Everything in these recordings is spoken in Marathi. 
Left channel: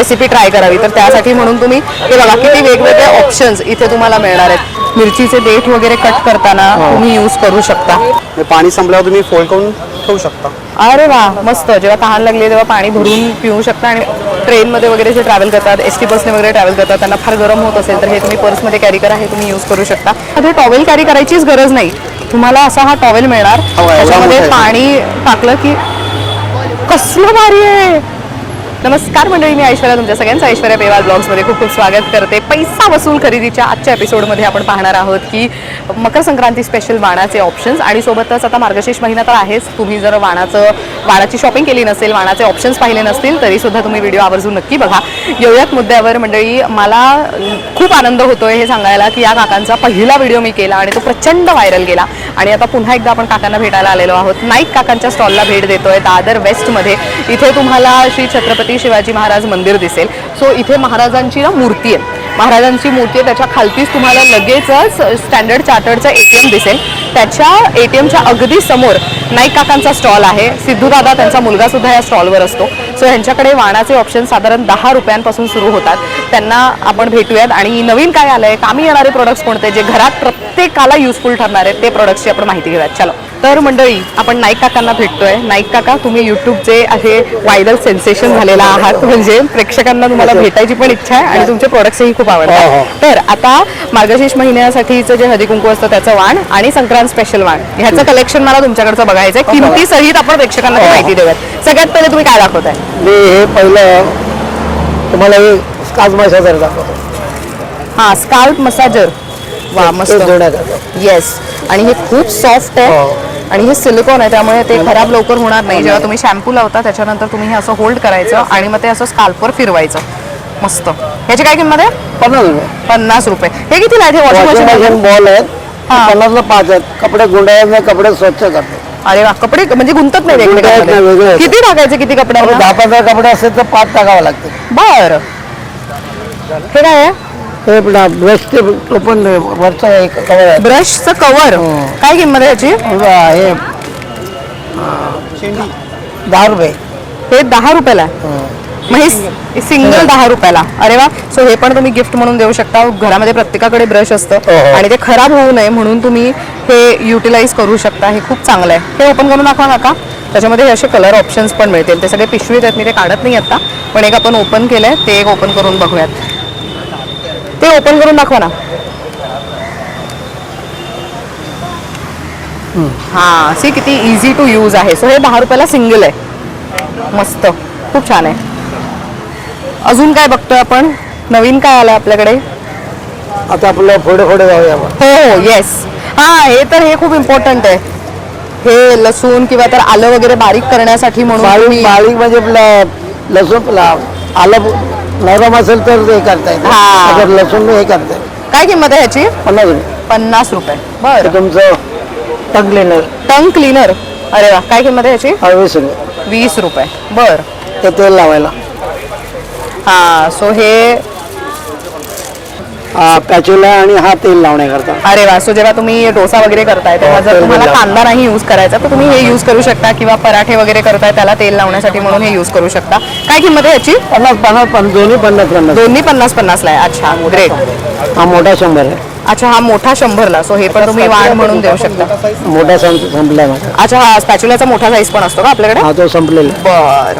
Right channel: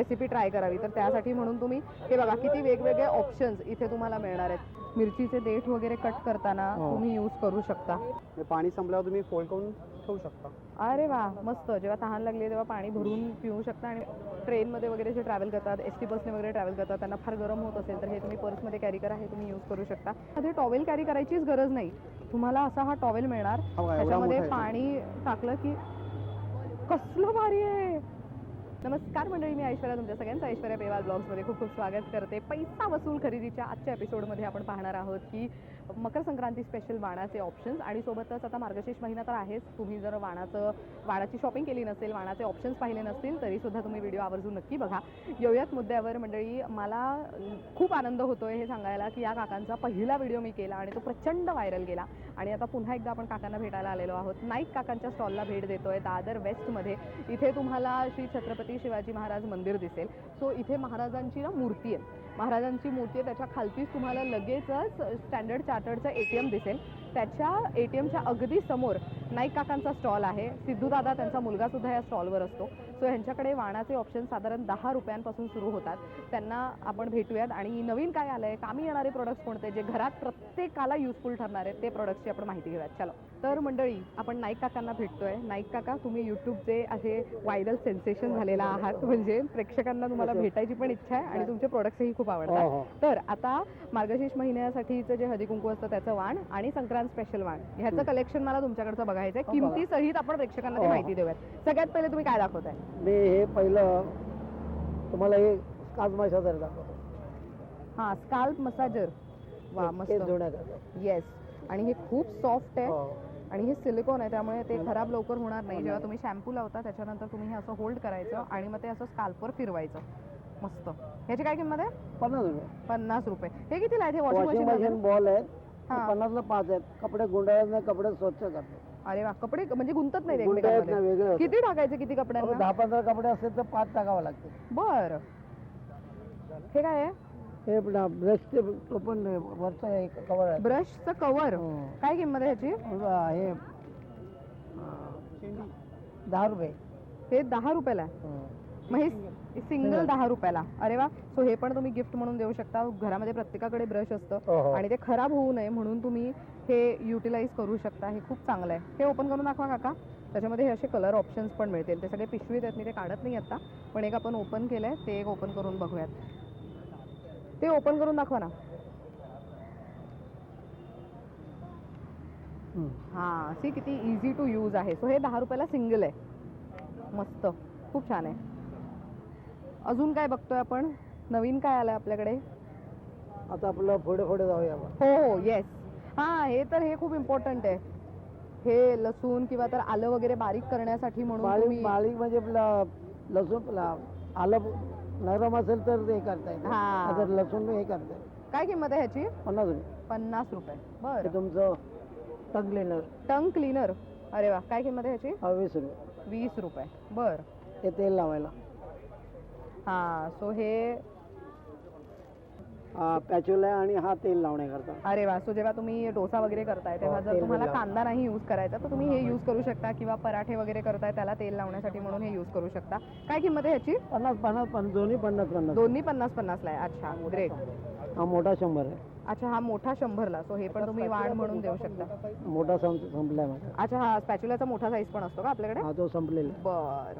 रेसिपी ट्राय करावी, तर त्यासाठी म्हणून तुम्ही हे बघा किती वेगवेगळे ऑप्शन्स इथे तुम्हाला मिळणार आहेत. मिरचीचे देठ वगैरे कट करताना तुम्ही यूज करू शकता. पाणी संपल्यावर तुम्ही फोल्ड करून ठेवू शकता. अरे वा, मस्त. जेव्हा तहान लागली तेव्हा पाणी भरून पिऊ शकता. आणि ट्रेनमध्ये वगैरे जे ट्रॅव्हल करतात, ST बसने वगैरे ट्रॅव्हल करतात, त्यांना फार गरम होत असेल तर हे तुम्ही पर्समध्ये कॅरी करा, हे तुम्ही यूज करू शकता. मध्ये टॉवेल कॅरी करायचीच गरज नाही, तुम्हाला असा हा टॉवेल मिळणार. त्याच्यामध्ये पाणी टाकलं की कसलं भारी आहे. नमस्कार मंडळी, मी ऐश्वर्या, तुमच्या सगळ्यांचं ऐश्वर्या पेवाल ब्लॉग्समध्ये खूप खूप स्वागत करते. पैसा वसूल खरेदीच्या आजच्या एपिसोडमध्ये आपण पाहणार आहोत की मकर संक्रांती स्पेशल वाणाचे ऑप्शन्स, आणि सोबतच आता मार्गशीर्ष महिना तर आहेच. तुम्ही जर वाणाची शॉपिंग केली नसेल, वाणाचे ऑप्शन्स पाहिले नसतील, तरी सुद्धा तुम्ही व्हिडिओ आवर्जून नक्की बघा. येऊयात मुद्द्यावर. मंडळी, मला खूप आनंद होतोय हे सांगायला की या काकांचा पहिला व्हिडिओ मी केला आणि तो प्रचंड व्हायरल गेला. आणि आता पुन्हा एकदा आपण काकांना भेटायला आलेलो आहोत. नाईक काकांच्या स्टॉलला भेट देतोय दादर वेस्टमध्ये. इथे तुम्हाला श्री छत्रपती शिवाजी महाराज मंदिर दिसेल. सो इथे महाराजांची मूर्ती आहे, महाराजांची मूर्ती आहे. त्याच्या खालतीच तुम्हाला लगेचच स्टँडर्ड चार्टर्डचं ATM दिसेल. त्याच्या ATMच्या अगदी समोर नाईक काकांचा स्टॉल आहे. सिद्धूदादा, त्यांचा मुलगा सुद्धा या स्टॉलवर असतो. सो ह्यांच्याकडे वाणाचे ऑप्शन साधारण 10 रुपयांपासून सुरू होतात. त्यांना आपण भेटूयात आणि नवीन काय आलंय, कामी येणारे प्रोडक्ट्स कोणते, जे घरात प्रत्येकाला युजफुल ठरणार आहेत, ते प्रोडक्ट्सची आपण माहिती घेऊयात. चलो. तर मंडळी, आपण नाईक काकांना भेटतोय. नाईक काका, तुम्ही यूट्यूबचे असे व्हायरल सेन्सेशन झालेला आहात, म्हणजे प्रेक्षकांना तुम्हाला भेटायची पण इच्छा आहे आणि तुमचे प्रोडक्ट्सही खूप आवडतात. तर आता मार्गशीर्ष महिन्यासाठीचं जे हळदी कुंकू असतं त्याचं वाण आणि संक्रांत स्पेशल वाण, ह्याचं कलेक्शन मला तुमच्याकडचं बघायचंय. किमती सहित आपण प्रेक्षकांना माहिती देऊयात. सगळ्यात पहिले तुम्ही काय दाखवताय? मी हे पहिलं तुम्हाला हे स्काल्प मसाजर दाखवतो. हा, स्काल्प मसाजर. वा, मस्त. येस. आणि हे खूप सॉफ्ट आहे आणि हे सिलिकॉन आहे, त्यामुळे ते खराब लवकर होणार नाही. जेव्हा तुम्ही शॅम्पू लावता त्याच्यानंतर तुम्ही हे असं होल्ड करायचं आणि मग ते असं स्काल्पवर फिरवायचं. मस्त. ह्याची काय किंमत आहे? 50 रुपये. हे कितीला आहे? वॉशिंग मशीन बॉल आहेत, 50ला 5 आहेत. कपडे गुंडाळत नाही, कपडे स्वच्छ करतो. अरे वा, कपडे म्हणजे गुंतत नाही वेगळे. किती टाकायचे, किती कपडे? 10-15 कपडे असतील तर 5 टाकावं लागते. बर. हे काय आहे? हे ब्रशचे ओपन वरचं एक कवर आहे. ब्रशचं कवर. काय किंमत आहे याची? हे 10 रुपये. हे 10 रुपयाला. मग हे सिंगल 10 रुपयाला. अरे वा. सो हे पण तुम्ही गिफ्ट म्हणून देऊ शकता. घरामध्ये प्रत्येकाकडे ब्रश असतं आणि ते खराब होऊ नये म्हणून तुम्ही हे युटिलाइज करू शकता. हे खूप चांगलं आहे. हे ओपन करून दाखवा काका. त्याच्यामध्ये हे असे कलर ऑप्शन्स पण मिळतील. ते सगळे पिशवीत आहेत, मी ते काढत नाही आता, पण एक आपण ओपन केलंय, ते एक ओपन करून बघूयात. ते ओपन करून दाखवा ना. हा, सी किती इझी टू यूज आहे. सो हे 10 रुपयाला सिंगल आहे. मस्त, खूप छान आहे. अजून काय बघतोय आपण? नवीन काय आलंय आपल्याकडे? आता आपल्याला फोडे जाऊया. हो, येस. हा, हे तर हे खूप इम्पॉर्टंट आहे. हे लसूण किंवा तर आलं वगैरे बारीक करण्यासाठी म्हणून. बारीक म्हणजे लसूण आलं नरम असेल तर हे करता येईल. लसूण हे करता येईल. काय किंमत आहे ह्याची? 50 रुपये. बरं. तुमचं टंग क्लीनर. Tongue cleaner. अरे वा, काय किंमत आहे ह्याची? 20 रुपये. 20 रुपये. बर. ते तेल लावायला. हा, सो हे पॅचुला आणि हा तेल लावण्याकरता. अरे वा. सो जेव्हा तुम्ही डोसा वगैरे करताय तेव्हा जर तुम्हाला कांदा नाही यूज करायचा तर तुम्ही हे यूज करू शकता, किंवा पराठे वगैरे करताय त्याला तेल लावण्यासाठी म्हणून हे यूज करू शकता. काय किंमत आहे याची? 50 दोन्ही 50. दोन्ही 50 ला आहे. अच्छा, ग्रेट. हा मोठा 100 आहे. अच्छा, हा मोठा 100ला. सो हे पण तुम्ही वाण म्हणून देऊ शकता. मोठा संपलाय माझा. अच्छा, हा स्पॅच्युलाचा मोठा साईज पण असतो का आपल्याकडे? हा, तो संपलेला. बर.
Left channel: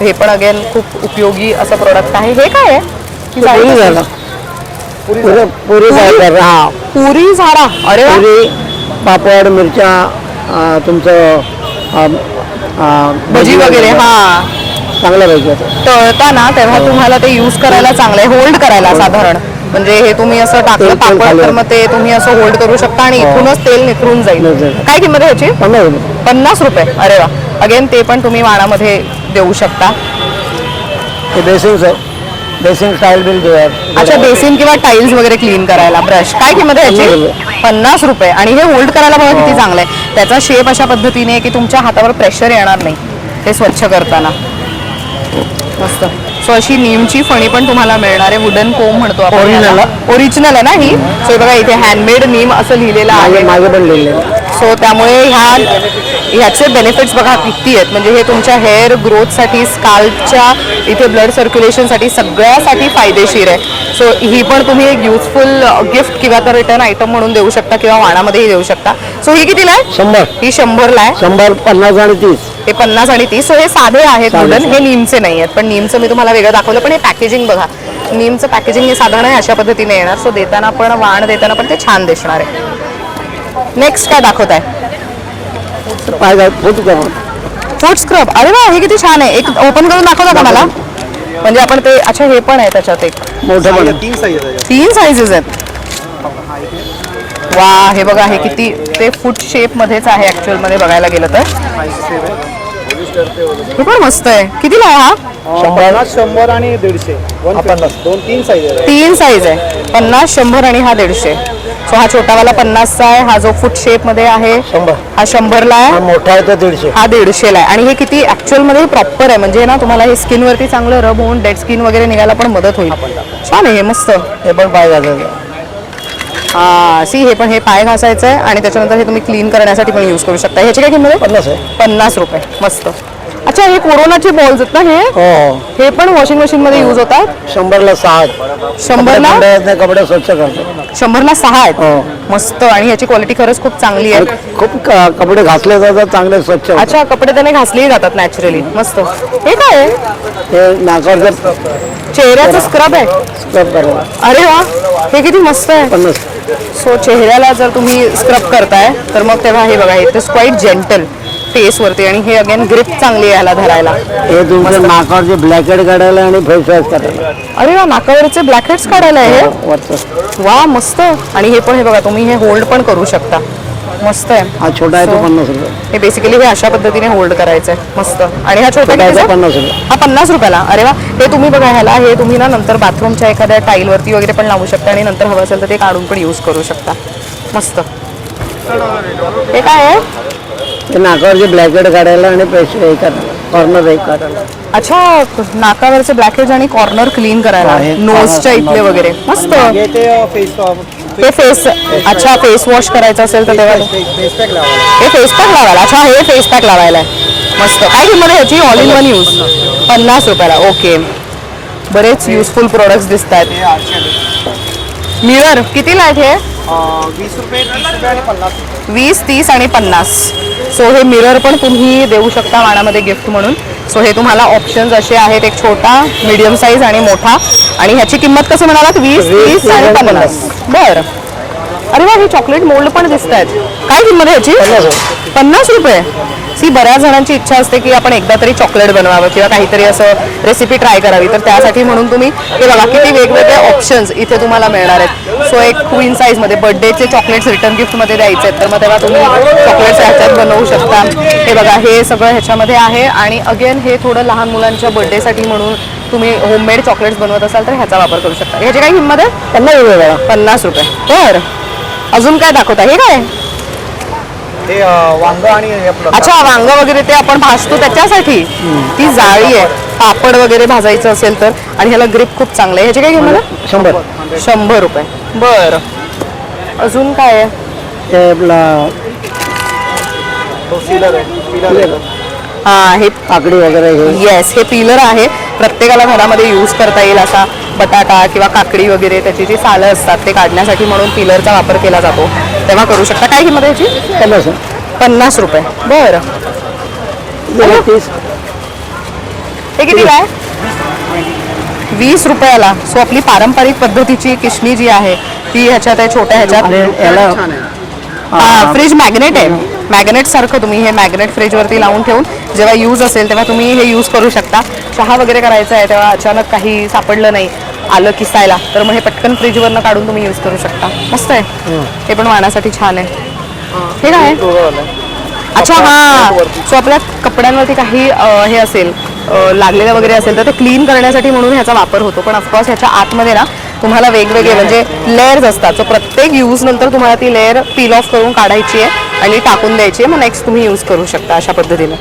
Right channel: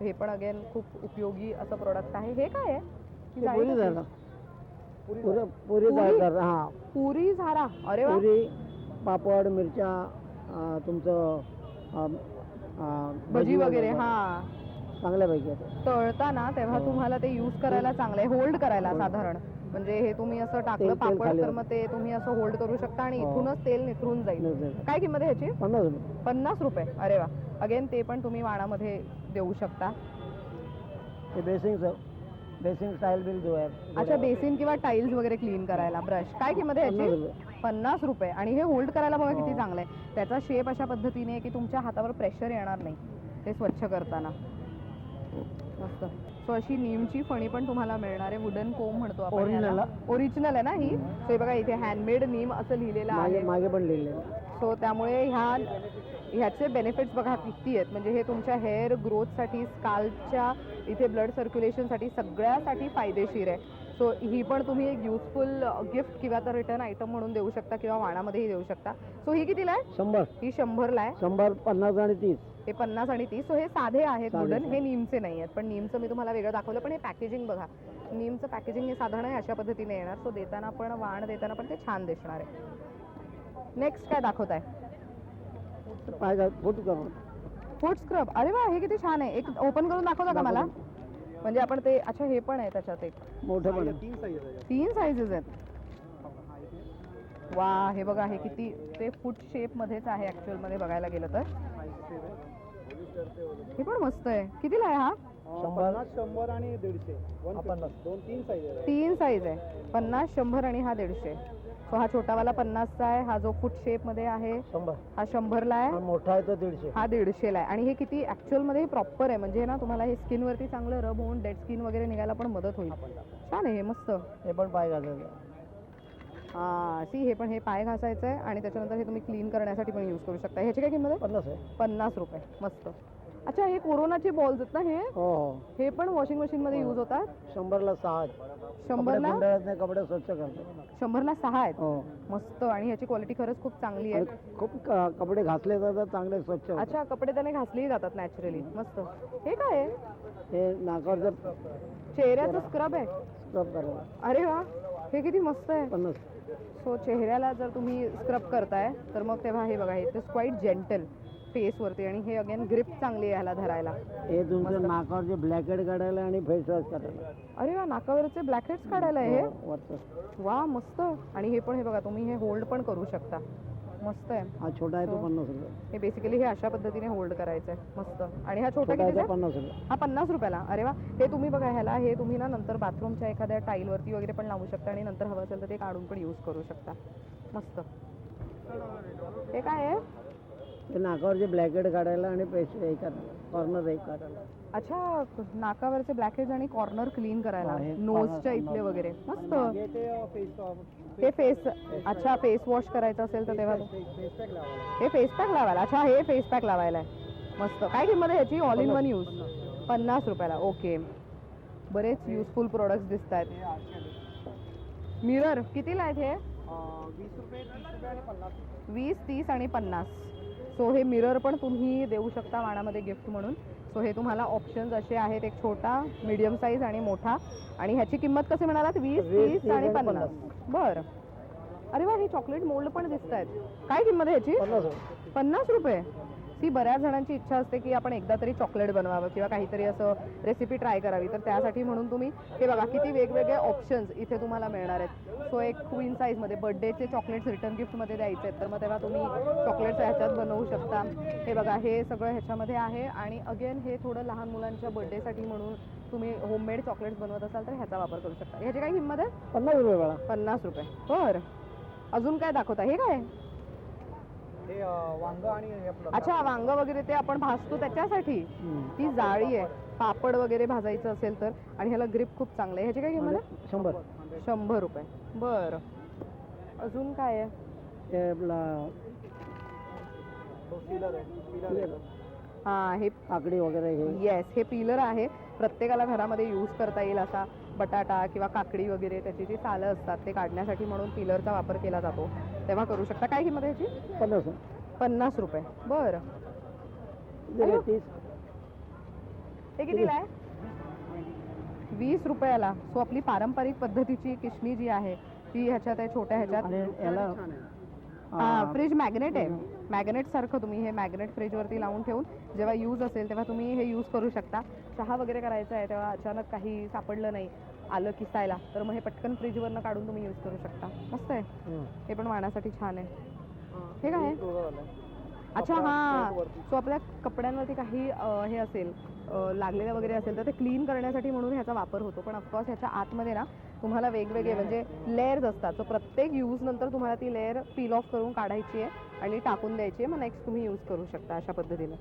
हे पण अगेन खूप उपयोगी असं प्रोडक्ट आहे. हे काय आहे? पुरी झाला. पुरी हा, पुरी झाडा. अरे वा. पुरी, पापड, मिरच्या, तुमचं भजी वगैरे. हा, चांगलं पाहिजे. तळताना तेव्हा तुम्हाला ते यूज करायला चांगलं आहे, होल्ड करायला. साधारण म्हणजे हे तुम्ही असं टाकलं पापड तर मग ते तुम्ही असं होल्ड करू शकता आणि इथूनच तेल निथरून जाईल. काय किंमत आहे ह्याची? 50 रुपये. अरे वा. अगेन ते पण तुम्ही वाणामध्ये देऊ शकता. बेसिंग स्टाईल बिल देऊया. अच्छा, बेसिन किंवा टाइल्स वगैरे क्लीन करायला ब्रश. काय किंमत आहे याची? 50 रुपये. आणि हे होल्ड करायला बघा किती चांगलं आहे. त्याचा शेप अशा पद्धतीने की तुमच्या हातावर प्रेशर येणार नाही ते स्वच्छ करताना. मस्त. सो अशी नीमची फणी पण तुम्हाला मिळणार आहे. वुडन कोम म्हणतो आपण. ओरिजिनल आहे ना ही? सो बघा इथे हँडमेड नीम असं लिहिलेलं आहे. मागे पण लिहिलेलं. सो त्यामुळे ह्या ह्याचे बेनिफिट्स बघा किती आहेत. म्हणजे हे तुमच्या हेअर ग्रोथसाठी, स्काल्पच्या इथे ब्लड सर्क्युलेशनसाठी सगळ्यासाठी फायदेशीर आहे. सो ही पण तुम्ही एक युजफुल गिफ्ट किंवा तर रिटर्न आयटम म्हणून देऊ शकता किंवा वाणामध्येही देऊ शकता. सो ही कितीला आहे? 100. ही 100ला आहे. 100, 50 आणि 30. हे 50 आणि 30. सो हे साधे आहेत वुडन, हे नीमचे नाही आहेत. पण नीमचं मी तुम्हाला वेगळं दाखवलं. पण हे पॅकेजिंग बघा, नीमचं पॅकेजिंग हे साधारण आहे अशा पद्धतीने येणार. सो देताना पण, वाण देताना पण ते छान दिसणार आहे. नेक्स्ट काय दाखवत आहे? फूट स्क्रब. अरे वा, हे किती छान आहे. एक ओपन करून दाखवता का मला? म्हणजे आपण ते, अच्छा हे पण आहे त्याच्यात एक मोठं पण 3 साईजेस आहेत. वा, हे बघा, हे किती ते फूट शेप मध्येच आहे ऍक्च्युअल मध्ये बघायला गेलं तर. हे पण मस्त आहे. कितीला आहे हा? 100 आणि 150. 2-3 साईज आहे. 3 साईज आहे, 50, 100 आणि हा 150. सो हा छोटावाला 50चा आहे. हा जो फूट शेप मध्ये आहे 100. हा 100ला आहे. मोठा आहे तो 150. हा 150ला आहे. आणि हे किती ऍक्च्युअल मध्ये प्रॉपर आहे. म्हणजे ना तुम्हाला हे स्किन वरती चांगलं रब होऊन डेड स्किन वगैरे निघायला पण मदत होईल. छान आहे हे, मस्त. हे पण पाय घालायचं. हा सी, हे पण हे पाय घासायचं आहे आणि त्याच्यानंतर हे तुम्ही क्लीन करण्यासाठी पण यूज करू शकता. ह्याची काय किंमत आहे? 50 आहे. 50 रुपये. मस्त. अच्छा, हे कोरोनाचे बॉल्स आहेत ना हे? हो. हे पण वॉशिंग मशीन मध्ये यूज होतात. 100ला 6. 100ला कपडे स्वच्छ करतो. 100ला 6 आहेत. हो. मस्त. आणि ह्याची क्वालिटी खरंच खूप चांगली आहे. खूप कपडे घासले जातात, चांगले स्वच्छ होतात. अच्छा, कपडे त्याने घासलेही जातात नॅचरली. मस्त. हे काय आहे? हे नाकावर चेहऱ्याचं स्क्रब आहे. स्क्रब करायला अरे वा, हे किती मस्त आहे. 50. सो चेहऱ्याला जर तुम्ही स्क्रब करताय तर मग तेव्हा हे बघा, हे it is quite gentle face वरती. आणि हे अगेन ग्रिप चांगली आहे ह्याला धरायला. हे तुमच्या नाकावरचे ब्लॅक हेड काढायला आणि फेस वॉश करायला. अरे वा, नाकावरचे ब्लॅक हेड्स काढायला आहे हे. वरचं. वा, मस्त. आणि हे पण, हे बघा, तुम्ही हे होल्ड पण करू शकता. मस्त आहे. हा छोटा आहे तो 50 रुपये. हे बेसिकली हे अशा पद्धतीने होल्ड करायचं आहे. मस्त. आणि हा छोटा छोटा आहे तो कितीचा? 50 रुपये. हा 50 रुपयाला. अरे वा, हे तुम्ही बघा, ह्याला हे तुम्ही ना नंतर बाथरूमच्या एखाद्या टाईल वरती वगैरे पण लावू शकता आणि नंतर हवं असेल तर ते काढून पण यूज करू शकता. मस्त. हे काय आहे? हे नाकावरचे ब्लॅक हेड काढायला आणि फेस हे करायला, कॉर्नर हे काढायला. अच्छा, नाकावरचे ब्लॅकेज आणि कॉर्नर क्लीन करायला, आहे. नोजच्या इथले वगैरे. मस्त. हे ते हे फेस, अच्छा फेस वॉश करायचं असेल तर तेव्हा फेस पॅक लावायला. हे फेस पॅक लावायला. अच्छा, हे फेस पॅक लावायला आहे. मस्त. काय किंमत आहे ह्याची? ऑल इन वन यूज 50 रुपयाला. ओके, बरेच युजफुल प्रोडक्ट्स दिसत आहेत. मिरर कितीला आहेत हे? 20 रुपये, 30 रुपये आणि 50 रुपये. 20, 30 आणि 50. सो हे मिरर पण तुम्ही देऊ शकता वाणामध्ये गिफ्ट म्हणून. सो हे तुम्हाला ऑप्शन्स असे आहेत, एक छोटा, मीडियम साईज आणि मोठा. आणि ह्याची किंमत कसं म्हणालात? 20, 30 आणि 50. बरं. अरे वा, हे चॉकलेट मोल्ड पण दिसत आहेत. काय किंमत आहे ह्याची? 50 रुपये. सी, बऱ्याच जणांची इच्छा असते की आपण एकदा तरी चॉकलेट बनवावं किंवा काहीतरी असं रेसिपी ट्राय करावी. तर त्यासाठी म्हणून तुम्ही हे बघा, किती वेगवेगळे ऑप्शन्स इथे तुम्हाला मिळणार आहेत. सो एक क्वीन साईजमध्ये बर्थडेचे चॉकलेट्स रिटर्न गिफ्टमध्ये द्यायचे आहेत तर मग तेव्हा तुम्ही चॉकलेट्स ह्याच्यात बनवू शकता. हे बघा, हे सगळं ह्याच्यामध्ये आहे. आणि अगेन हे थोडं लहान मुलांच्या बर्थडेसाठी म्हणून तुम्ही होममेड चॉकलेट्स बनवत असाल तर ह्याचा वापर करू शकता. ह्याची काय किंमत आहे? 50 रुपये. 50 रुपये. बरं. अजून काय दाखवता? हे काय? ते वांग आणि हे आपलं. अच्छा, वांग वगैरे ते आपण भाजतो त्याच्यासाठी ती जाळी आहे. पापड वगैरे भाजायचं असेल तर. आणि ह्याला ग्रिप खूप चांगलं आहे. ह्याची काय किंमत आहे? 100. 100 रुपये. बरं. अजून काय आहे? ते आपला सीलर आहे. हा, हे काकडी वगैरे हे. येस, हे पीलर आहे. प्रत्येकाला घरामध्ये यूज करता येईल असा. बटाटा किंवा काकडी वगैरे त्याची जी सालं असतात ते काढण्यासाठी म्हणून पीलरचा वापर केला जातो. तेव्हा करू शकता. काय किंमत आहे याची? 50. 50 रुपये. बरं. 30. हे किती काय? 20 रुपयाला. सो आपली पारंपरिक पद्धतीची किशणी जी आहे ती ह्याच्यात आहे, छोट्या ह्याच्यात. आणि याला फ्रीज मॅग्नेट आहे. मॅग्नेट सारखं तुम्ही हे मॅग्नेट फ्रीजवरती लावून ठेवून जेव्हा यूज असेल तेव्हा तुम्ही हे यूज करू शकता. चहा वगैरे करायचा आहे तेव्हा अचानक काही सापडलं नाही, आलं किसायला, तर मग हे पटकन फ्रीजवरनं काढून तुम्ही यूज करू शकता. मस्त आहे. हे पण वाणासाठी छान आहे. हे काय आहे? अच्छा, हां. सो आपल्या कपड्यांवरती काही हे असेल लागलेलं वगैरे असेल तर ते क्लीन करण्यासाठी म्हणून ह्याचा वापर होतो. पण ऑफकोर्स ह्याच्या आतमध्ये ना तुम्हाला वेगवेगळे म्हणजे लेयर्स असतात. सो प्रत्येक यूज नंतर तुम्हाला ती लेअर पील ऑफ करून काढायची आहे आणि टाकून द्यायची आहे. मग नेक्स्ट तुम्ही यूज करू शकता अशा पद्धतीने.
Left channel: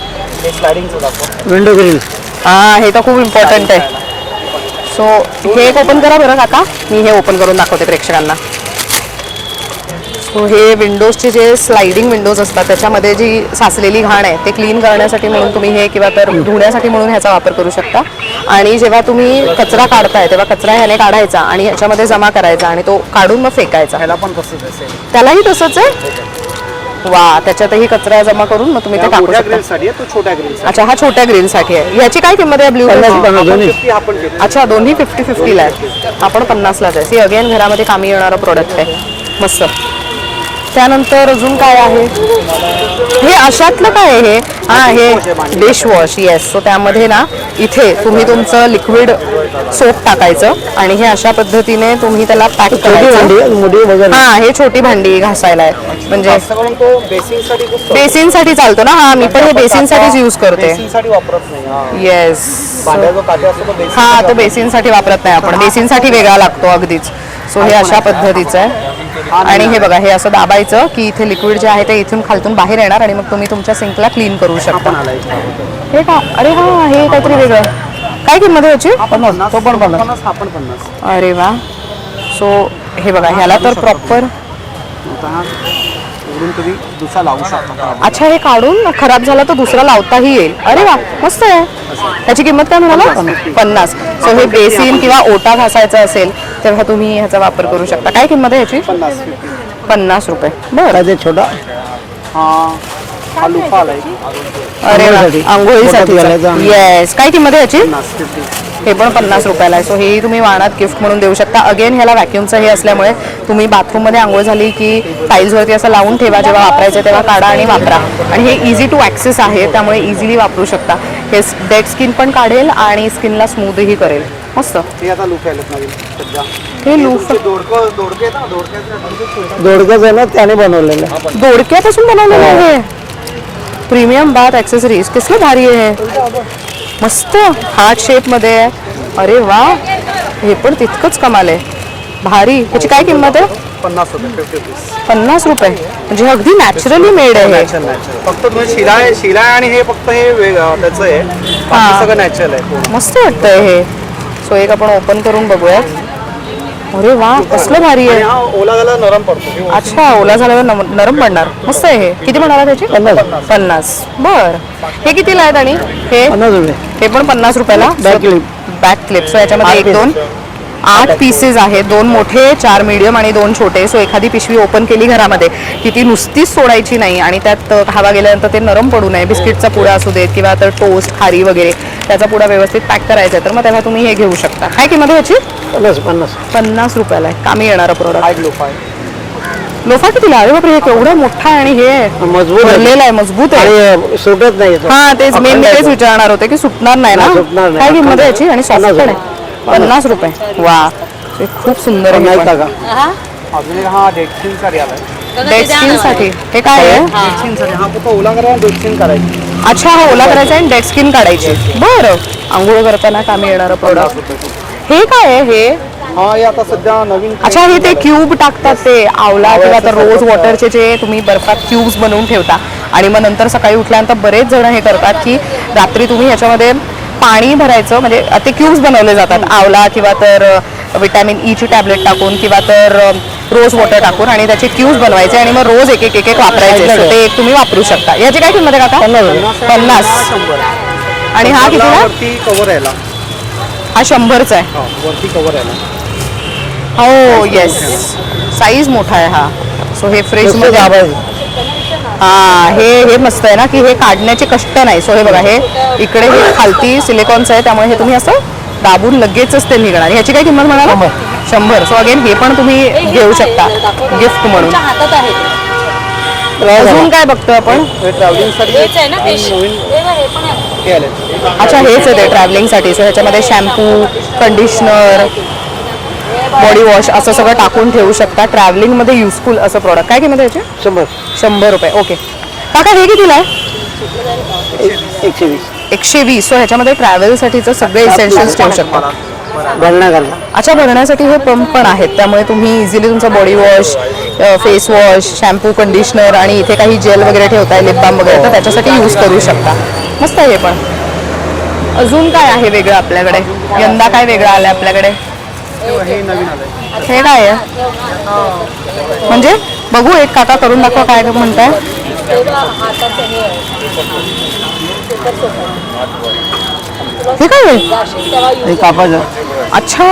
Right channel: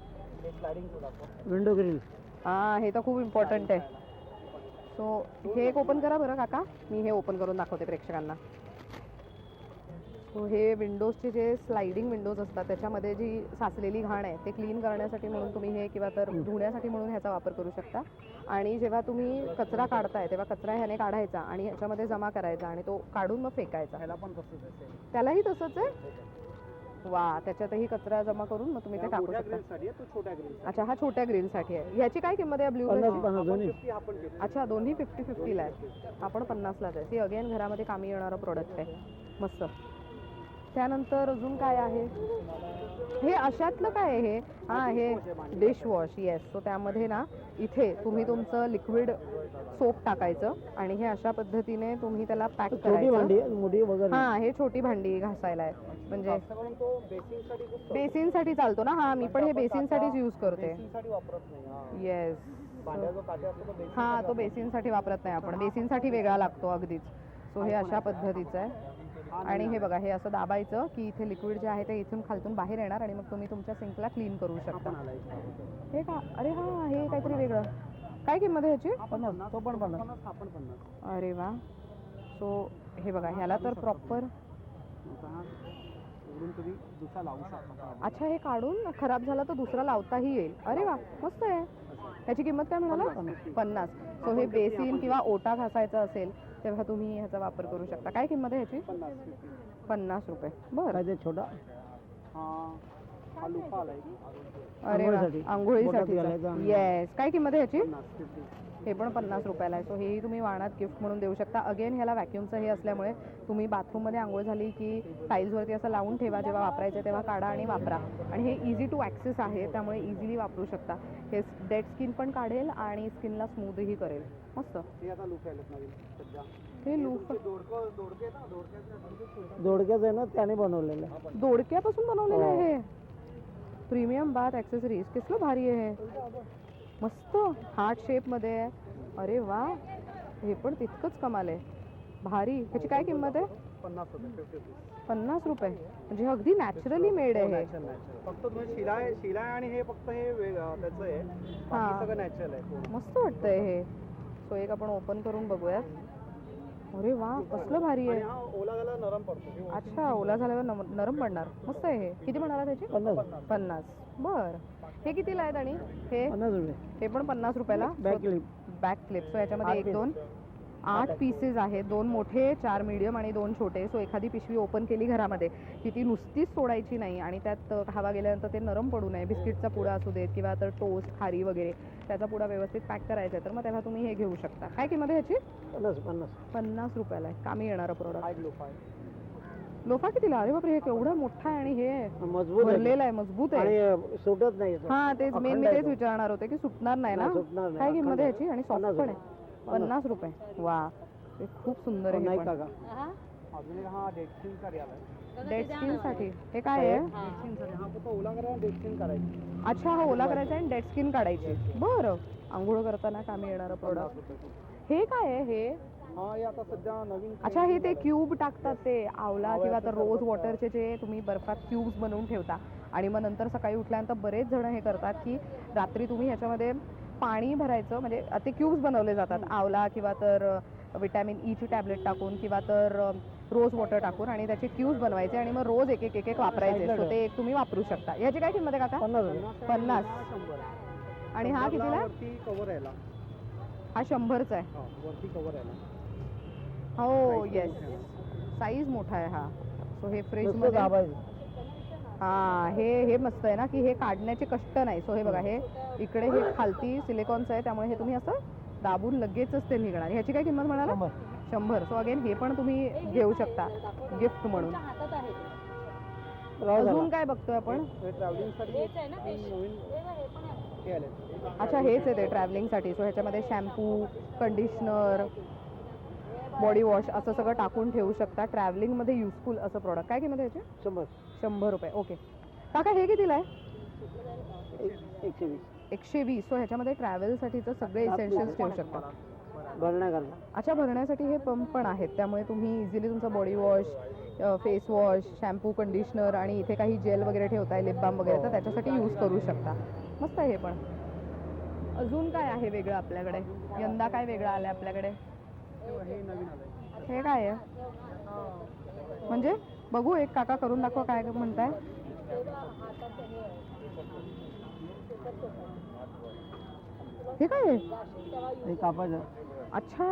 Window grill. हां, हे तर खूप इम्पॉर्टंट आहे. सो हे एक ओपन करा बरं काका. मी हे ओपन करून दाखवते प्रेक्षकांना. सो हे विंडोजचे जे स्लायडिंग विंडोज असतात त्याच्यामध्ये जी साचलेली घाण आहे ते क्लीन करण्यासाठी म्हणून तुम्ही हे किंवा तर धुण्यासाठी म्हणून ह्याचा वापर करू शकता. आणि जेव्हा तुम्ही कचरा काढताय तेव्हा कचरा ह्याने काढायचा आणि ह्याच्यामध्ये जमा करायचा आणि तो काढून मग फेकायचा. ह्याला पण तसंच असेल. त्यालाही तसंच आहे. वा, त्याच्यातही कचरा जमा करून मग तुम्ही ते टाकू मोठ्या शकता. ग्रिलसाठी आहे, तो छोट्या ग्रिलसाठी. अच्छा, हा छोट्या ग्रिलसाठी आहे. ह्याची काय किंमत आहे ब्ल्यू? 50 हा पण घेतो. अच्छा, दोन्ही 50-50 ला आहे. आपण 50लाच आहे. ही अगेन घरामध्ये कामी येणारं प्रोडक्ट आहे. मस्त. त्यानंतर अजून काय आहे? हे अशातलं काय आहे हे? हा, हे डिशवॉश. येस. सो त्यामध्ये ना इथे तुम्ही तुमचं लिक्विड सोप टाकायचं आणि हे अशा पद्धतीने तुम्ही त्याला पॅक करायचं. हा, हे छोटी भांडी घासायला आहे. म्हणजे जास्त करून तो बेसिनसाठी खूप बेसिनसाठी चालतो ना. हा, मी पण हे बेसिनसाठीच यूज करते. बेसिनसाठी वापरत नाही. हा. येस. भांड्याचा काटे असतो तो बेसिन. हा, तो बेसिनसाठी वापरत नाही आपण. बेसिनसाठी वेगळा लागतो अगदीच. सो हे अशा पद्धतीचं आहे. आणि हे बघा, हे असं दाबायचं की इथे लिक्विड जे आहे ते इथून खालतून बाहेर येणार आणि मग तुम्ही तुमच्या सिंकला क्लीन करू शकता. हे का? अरे हा, हे काहीतरी वेगळं. काय किंमत आहे याची? तो पण 50. हा पण 50. अरे वा. सो हे बघा, ह्याला तर प्रॉपर. उडून तुम्ही दुसरा लावू शकता. अच्छा, हे काढून खराब झाला तर दुसरा लावताही येईल. अरे वा, मस्त आहे. त्याची किंमत काय म्हणाला? 50. सो हे बेसिन किंवा ओटा घासायचा असेल तेव्हा तुम्ही ह्याचा वापर करू शकता. काय किंमत आहे याची? 50 रुपये. बरं. छोटा हा लुफा आलाय. अरे वा, आंघोळीसाठी. घालायचा. येस. काय किंमत आहे याची? 50. हे पण 50 रुपयाला आहे. सो हे तुम्ही वाणात गिफ्ट म्हणून देऊ शकता. अगेन ह्याला व्हॅक्युमचं हे असल्यामुळे तुम्ही बाथरूममध्ये आंघोळ झाली की टाईल्सवरती असं लावून ठेवा, जेव्हा वापरायचं तेव्हा काढा आणि वापरा. आणि हे इझी टू ॲक्सेस आहे त्यामुळे इझिली वापरू शकता. हे डेड स्किन पण काढेल आणि स्किनला स्मूथही करेल. मस्त. हे आता लुफा आलेत नवीन सध्या. हे लूफ दोडके दोडकंच आहे ना, त्याने बनवलेलं आहे. दोडक्यापासून बनवलेलं आहे. Premium bath accessories. कसलं भारी आहे हे. मस्त हार्ट शेपमध्ये आहे. अरे वा, हे पण तितकंच कमाल आहे. भारी. ह्याची काय किंमत आहे? 50 रुपये. 50 रुपये. म्हणजे अगदी नॅचरली मेड आहे हे. फक्त तुम्ही शिरा आणि हे फक्त हे त्याचं आहे. बाकी सगळं नॅचरल आहे. मस्त वाटतंय हे. सो एक आपण ओपन करून बघूयात. अरे वा, कसलं भारी आहे. हा ओला झाला नरम पडतो. अच्छा, ओला झाल्यावर नरम पडणार. मस्त आहे हे. किती म्हणाला त्याची? 50. बर. हे कितीला आहेत? आणि हे 50 रुपये. हे पण 50 रुपयाला. Back clip. Back clip. So याच्यामध्ये 1, 2, 8 पीसेस आहेत. 2 मोठे, 4 मीडियम आणि 2 छोटे. सो एखादी पिशवी ओपन केली घरामध्ये की ती नुसतीच सोडायची नाही आणि त्यात हवा गेल्यानंतर ते नरम पडू नये. बिस्किटचा पुडा असू देत किंवा तर टोस्ट, खारी वगैरे त्याचा पुडा व्यवस्थित पॅक करायचा आहे तर मग तेव्हा तुम्ही हे घेऊ शकता. काय किंमत आहे याची? 50 रुपयाला आहे. कामी येणारा प्रोडक्ट. लोफा आहे. लोफा कितीला? अरे बापरे, हे केवढं मोठा आहे आणि हे मजबूत भरलेलं आहे. मजबूत आहे. आणि सुटत नाही. हा, तेच मेन मी तेच विचारणार होते की सुटणार नाही ना. सुटणार नाही. काय किंमत आहे याची? आणि सॉफ्ट पण आहे. 50 रुपये. वा, हे खूप सुंदर आहे. नाही का? अजून एक हा डेड स्किन साठी आलाय. डेड स्किन साठी हे काय आहे? डेड स्किन साठी हा फक्त ओला करा, डेड स्किन करायची. अच्छा, हा ओला करायचा आणि डेड स्किन काढायची. बरं. आंघोळ करताना कामी येणारं प्रोडक्ट. हे काय आहे हे? हा, हे आता सध्या नवीन. अच्छा, हे ते क्यूब टाकतात ते आवला किंवा तर रोज वॉटरचे जे तुम्ही बर्फात क्यूब्स बनवून ठेवता आणि मग नंतर सकाळी उठल्यानंतर बरेच जण हे करतात की रात्री तुम्ही ह्याच्यामध्ये पाणी भरायचं. म्हणजे ते क्यूब्स बनवले जातात आवला किंवा तर विटॅमिन ई ची टॅबलेट टाकून किंवा तर रोज वॉटर टाकून आणि त्याचे क्यूब्स बनवायचे आणि मग रोज एक एक वापरायचे. So ते एक तुम्ही वापरू शकता. याची काय किंमत आहे काका? 50. आणि हा कितीला? वरती कव्हर यायला. हा 100चा आहे. वरती कव्हर यायला. हो, येस. साईज मोठा आहे हा. सो हे फ्रीज मध्ये. हा, हे मस्त आहे ना की हे काढण्याचे कष्ट नाही. सो हे बघा, हे इकडे हे खालती सिलिकॉनचं आहे त्यामुळे हे तुम्ही असं दाबून लगेचच ते निघणार. ह्याची काय किंमत म्हणाला? 100. सो अगेन हे पण तुम्ही घेऊ शकता गिफ्ट म्हणून. अजून काय बघतोय आपण? ट्रॅव्हलिंग साठी नवीन हे आले. अच्छा, हेच आहे ते ट्रॅव्हलिंगसाठी. सो ह्याच्यामध्ये शॅम्पू, कंडिशनर, बॉडी वॉश असं सगळं टाकून ठेवू शकता. ट्रॅव्हलिंगमध्ये युजफुल असं प्रॉडक्ट. काय किंमत आहे याची? 100 रुपये. ओके काका, हे कितीला आहे? 120. 120. सो ह्याच्यामध्ये ट्रॅव्हलसाठीचं सगळे इसेन्शियल्स ठेवू शकता. अच्छा, भरण्यासाठी हे पंप पण आहेत त्यामुळे तुम्ही इझिली तुमचा body wash, face wash, shampoo, conditioner आणि इथे काही जेल वगैरे ठेवताय, लिप बाम वगैरे, तर त्याच्यासाठी यूज करू शकता. मस्त आहे हे पण. अजून काय आहे वेगळं आपल्याकडे? यंदा काय वेगळं आलं आपल्याकडे? हे नवीन आलंय. हे काय आहे? म्हणजे बघू एक काका करून दाखवा काय म्हणताय. हे काय आहे? हे कापायचं. अच्छा,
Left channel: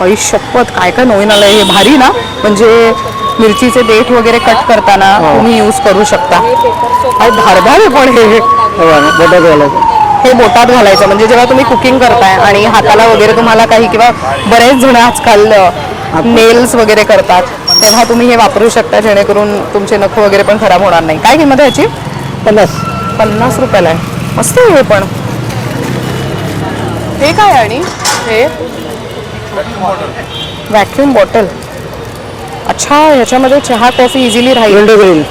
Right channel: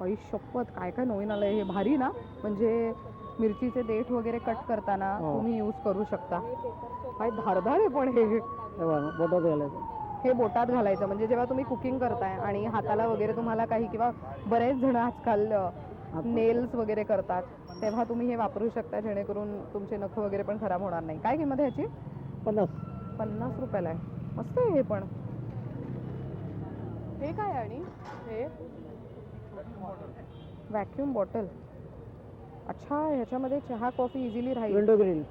आई शपथ, काय काय नवीन आलंय हे. भारी ना, म्हणजे मिरचीचे देठ वगैरे कट करताना तुम्ही यूज करू शकता. आणि धारदार आहे पण हे. बोटात घालायचं. हे बोटात घालायचं म्हणजे जेव्हा तुम्ही कुकिंग करताय आणि हाताला वगैरे तुम्हाला काही, किंवा बरेच जण आजकाल नेल्स वगैरे करतात, तेव्हा तुम्ही हे वापरू शकता, जेणेकरून तुमचे नख वगैरे पण खराब होणार नाही. काय किंमत आहे याची? 50 रुपयाला आहे. मस्त आहे हे पण. हे काय आहे? आणि हे व्हॅक्यूम बॉटल. अच्छा, ह्याच्यामध्ये चहा कॉफी इझिली राहील,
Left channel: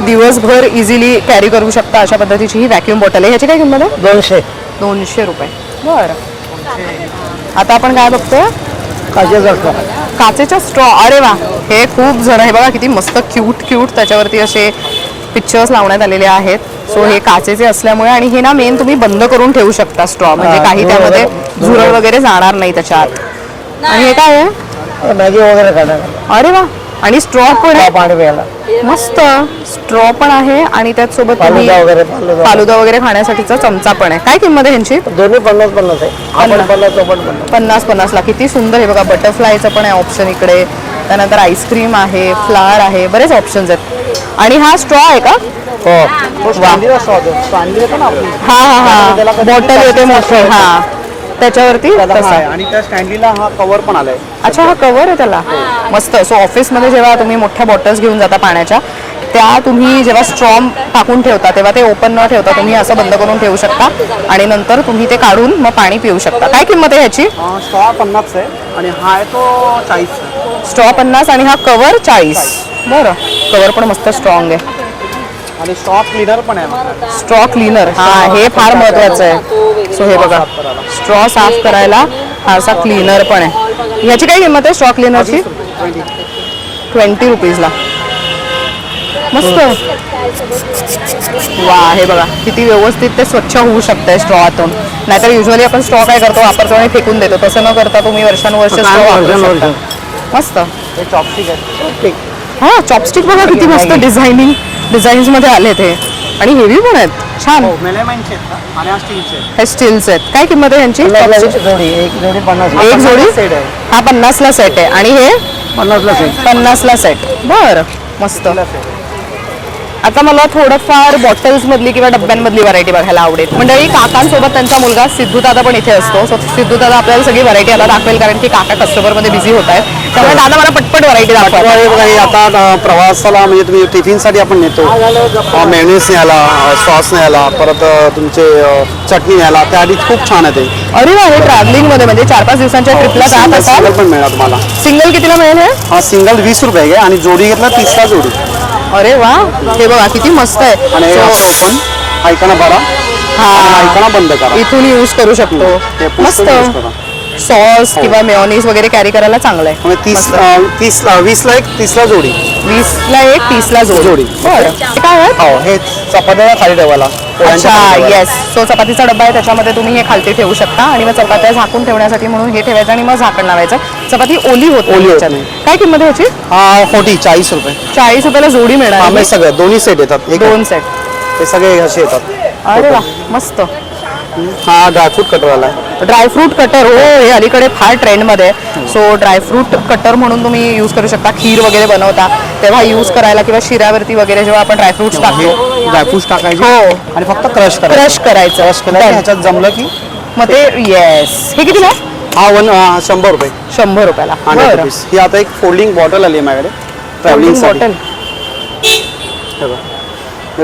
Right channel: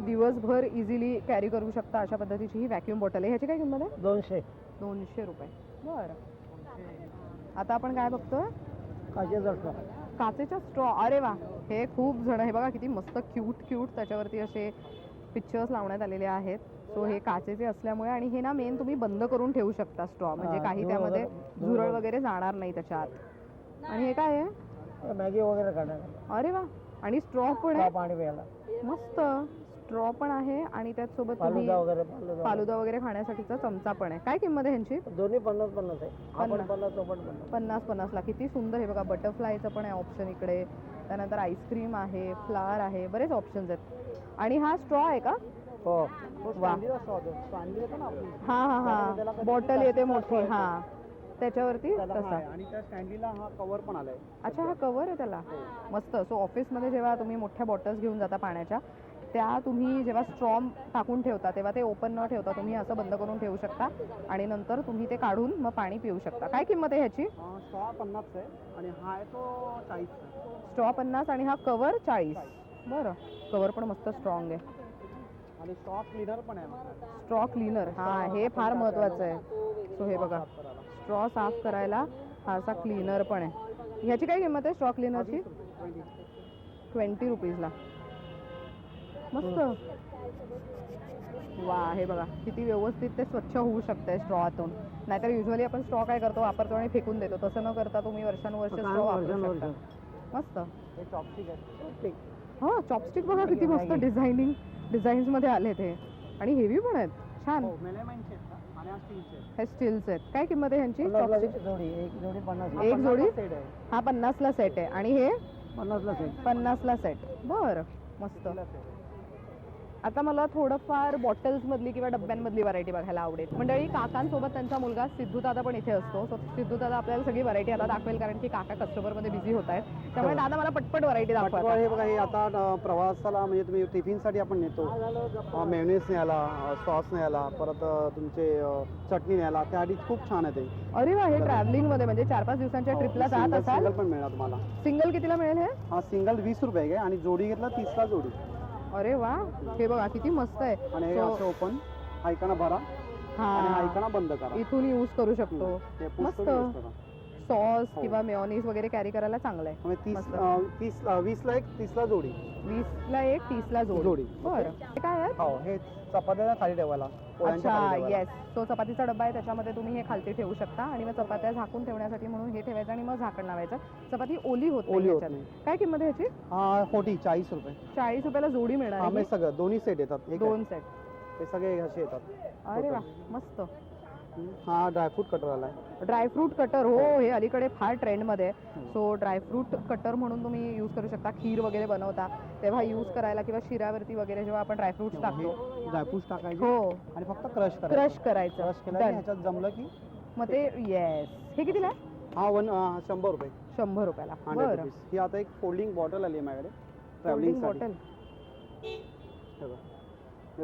दिवसभर इझिली कॅरी करू शकता अशा पद्धतीची ही व्हॅक्यूम बॉटल आहे. ह्याची काय किंमत आहे? 200 रुपये. बरं, आता आपण काय बघतोय? काचेचा स्ट्रॉ. अरे वा, हे खूप जण, हे बघा किती मस्त क्यूट क्यूट त्याच्यावरती असे पिक्चर्स लावण्यात आलेले आहेत. सो हे काचेचे असल्यामुळे, आणि हे ना मेन तुम्ही बंद करून ठेवू शकता स्ट्रॉ, म्हणजे काही त्यामध्ये झुरळ वगैरे जाणार नाही त्याच्यात. आणि हे काय आहे? मॅगी वगैरे खाणार. अरे वा, आणि स्ट्रॉ पण आहे. पाणी प्यायला मस्त स्ट्रॉ पण आहे, आणि त्याच सोबत तुम्ही फालुदा फालुदा वगैरे खाण्यासाठीचा चमचा पण आहे. काय किंमत आहे ह्यांची? दोन्ही 50-50 आहे. आपण 50-50 ला. किती सुंदर. हे बघा, बटरफ्लायचं पण आहे ऑप्शन इकडे, त्यानंतर आईस्क्रीम आहे, फ्लावर आहे, बरेच ऑप्शन्स आहेत. आणि हा स्ट्रॉ आहे का? हा हा हा, बॉटल येते मोठी. हा, त्याच्यावरती आणि त्या स्टँडलीला हा कव्हर पण आलाय. अच्छा, हा कव्हर आहे त्याला. मस्त. सो ऑफिसमध्ये जेव्हा तुम्ही मोठ्या बॉटल्स घेऊन जाता पाण्याच्या, त्या तुम्ही जेव्हा स्ट्रॉ टाकून ठेवता तेव्हा ते ओपन न ठेवता तुम्ही असं बंद करून ठेवू शकता, आणि नंतर तुम्ही ते काढून मग पाणी पिऊ शकता. काय किंमत आहे ह्याची? स्ट्रॉ 50 आहे आणि हा आहे तो 40. स्ट्रॉ 50 आणि हा कव्हर 40. बरं, कव्हर पण मस्त स्ट्रॉंग आहे. आणि स्ट्रॉ क्लीनर पण आहे. स्ट्रॉ क्लीनर, हा, हे फार महत्वाचं आहे. सो हे बघा, स्ट्रॉ साफ करायला हा असा क्लीनर पण आहे. ह्याची काय किंमत आहे स्ट्रॉ क्लीनरची? 20 रुपीजला. मस्त. वा, हे बघा किती व्यवस्थित ते स्वच्छ होऊ शकतंय स्ट्रॉतून. नाहीतर युजली आपण स्ट्रॉ काय करतो, वापरतो आणि फेकून देतो. तसं न करता तुम्ही वर्षानुवर्ष स्ट्रॉ वापरू शकता. मस्त. हे चॉपस्टिक आहे. हा, चॉपस्टिक बघा किती मस्त डिझाईन्स मध्ये आले ते, आणि हेवी पण आहेत. छान. मेलेमाइनचे आहेत आणि हा स्टीलचे आहेत. हे स्टील्स आहेत. काय किंमत आहे यांची? एक जोडी 50. एक जोडी सेट आहे. हा 50 ला सेट आहे, आणि हे 50 ला सेट. बरं, मस्त. आता मला थोडंफार बॉटल्स मधली किंवा डब्यांमधली व्हरायटी बघायला आवडेल. मंडळी, काकांसोबत त्यांचा मुलगा सिद्धू दादा पण इथे असतो. सो सिद्धू दादा आपल्याला सगळी व्हरायटी आता दाखवेल, कारण की काका कस्टमर मध्ये बिझी होत आहेत. त्यामुळे दादा मला पटपट व्हरायटी दाखवा. हे आता प्रवासाला म्हणजे तुम्ही टिफिनसाठी आपण नेतो. मेयोनीज न्यायला, सॉस न्यायला, परत तुमचे चटणी न्यायला, त्याआधी खूप छान आहे ते. अरे वा, हे ट्रॅव्हलिंग मध्ये म्हणजे 4-5 दिवसांच्या ट्रिपला जात असाल. सिंगल पण मिळणार तुम्हाला. सिंगल कितीला मिळेल हे? हा सिंगल 20 रुपये आहे आणि जोडी घेतला 30 ला जोडी. अरे वा, हे बघा किती मस्त आहे. आणि असं ओपन ऐकणं भरा, ऐकणं बंद करा. इथून यूज करू शकतो. मस्त. सॉस किंवा मेयोनीज वगैरे कॅरी करायला चांगलं आहे. 20 ला एक 30 ला जोडी. 20 ला एक 30 ला जोडी. बरं, हे काय आहे? हो, हे चपात्या खाली ठेवायला. अच्छा, येस. सो चपातीचा डब्बा आहे, त्याच्यामध्ये तुम्ही हे खालती ठेवू शकता, आणि मग चपात्या झाकून ठेवण्यासाठी म्हणून हे ठेवायचं, आणि मग झाकण लावायचं. चपाती ओली होते. काय किंमत आहे ह्याची? 40 रुपये. 40 रुपयाला जोडी मिळणार. सगळं दोन्ही सेट येतात. 2 सेट. ते सगळे असे येतात. अरे वा, मस्त. हा ड्रायफ्रूट कटर आला आहे. ड्रायफ्रूट कटर, हो, हे अलीकडे फार ट्रेंडमध्ये आहे. सो ड्रायफ्रूट कटर म्हणून तुम्ही यूज करू शकता. खीर वगैरे बनवता तेव्हा यूज करायला, किंवा शिऱ्यावरती वगैरे जेव्हा आपण ड्रायफ्रुट्स टाकतो. ड्रायफ्रूट टाकायचे हो, आणि फक्त क्रश क्रश करायचं. ह्याच्यात जमलं की मग ते, येस. हे कितीला आहे? हा 100 रुपये. 100 रुपयाला. 100 रुपीज. ही आता एक फोल्डिंग बॉटल आली आहे माझ्याकडे ट्रॅव्हलिंग बॉटल.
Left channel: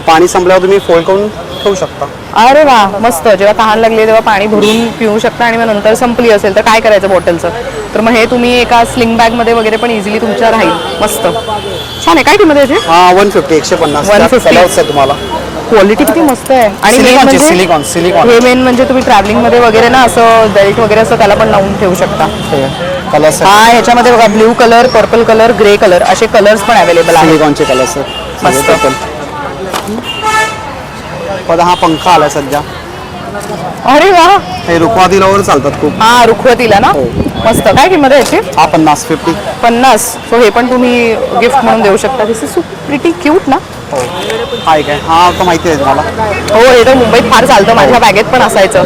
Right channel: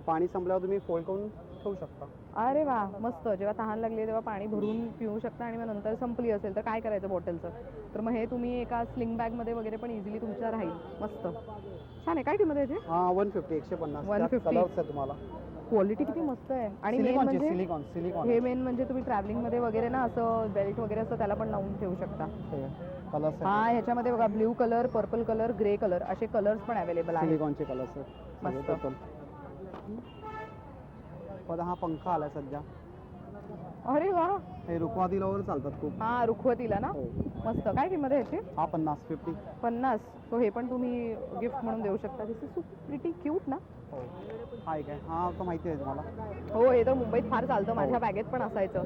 पाणी संपल्यावर तुम्ही फोल्ड करून ठेवू शकता. अरे वा, मस्त. जेव्हा तहान लागली तेव्हा पाणी भरून पिऊ शकता, आणि मग नंतर संपली असेल तर काय करायचं बॉटलचं, तर मग हे तुम्ही एका स्लिंग बॅग मध्ये वगैरे पण इझिली तुमच्या राहील. मस्त, छान आहे. काय किंमत आहे याची? हा 150. 150. 150 तुम्हाला. क्वालिटी किती मस्त आहे. आणि सिलिकॉन हे मेन म्हणजे तुम्ही ट्रॅव्हलिंग मध्ये वगैरे ना असं बेल्ट वगैरे असं त्याला पण लावून ठेवू शकता. कलर्स हा, ह्याच्यामध्ये बघा blue colour, purple colour, grey colour असे कलर्स पण अवेलेबल आहेत. सिलिकॉनचे कलर्स. मस्त. हा पंखा आलाय सध्या. अरे वा, हे रुखवातीलावर चालतात खूप. हा रुखवतीला ना. मस्त. काय किंमत आहे याची? हा 50. 50. सो हे पण तुम्ही गिफ्ट म्हणून देऊ शकता. दिस इज सो प्रिटी क्यूट ना. हाय काय, हा तर माहिती आहे मला. हो, हे तर मुंबईत फार चालतं. माझ्या बॅगेत पण असायचं.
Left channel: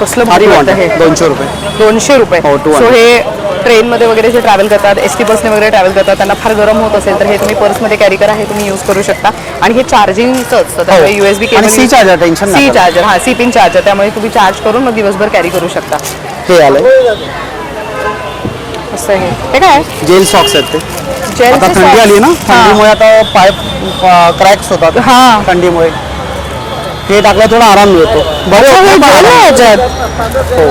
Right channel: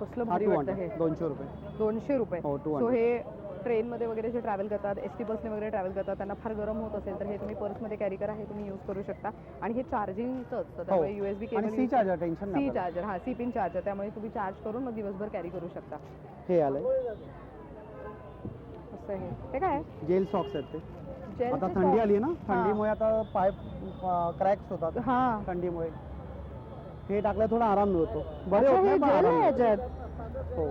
कसलं भारी वाटतं हे. 200 रुपये. 200 रुपये. हो, 200. सो हे ट्रेनमध्ये वगैरे जे ट्रॅव्हल करतात, एस टी बसने वगैरे ट्रॅव्हल करतात, त्यांना फार गरम होत असेल तर हे तुम्ही पर्समध्ये कॅरी करा. हे तुम्ही यूज करू शकता. आणि हे चार्जिंगचं असतं, त्यामुळे USB cable. C charger, tension C charger. हा, सी पिन चार्जर. त्यामुळे तुम्ही चार्ज करून मग दिवसभर कॅरी करू शकता. हे आलंय असं आहे. हे काय जेल सॉक्स आहेत ते. जेल आता थंडी आली ना, थंडीमुळे आता पाय क्रॅक्स होतात हा. थंडीमुळे. हे टाकलं थोडा आराम मिळतो.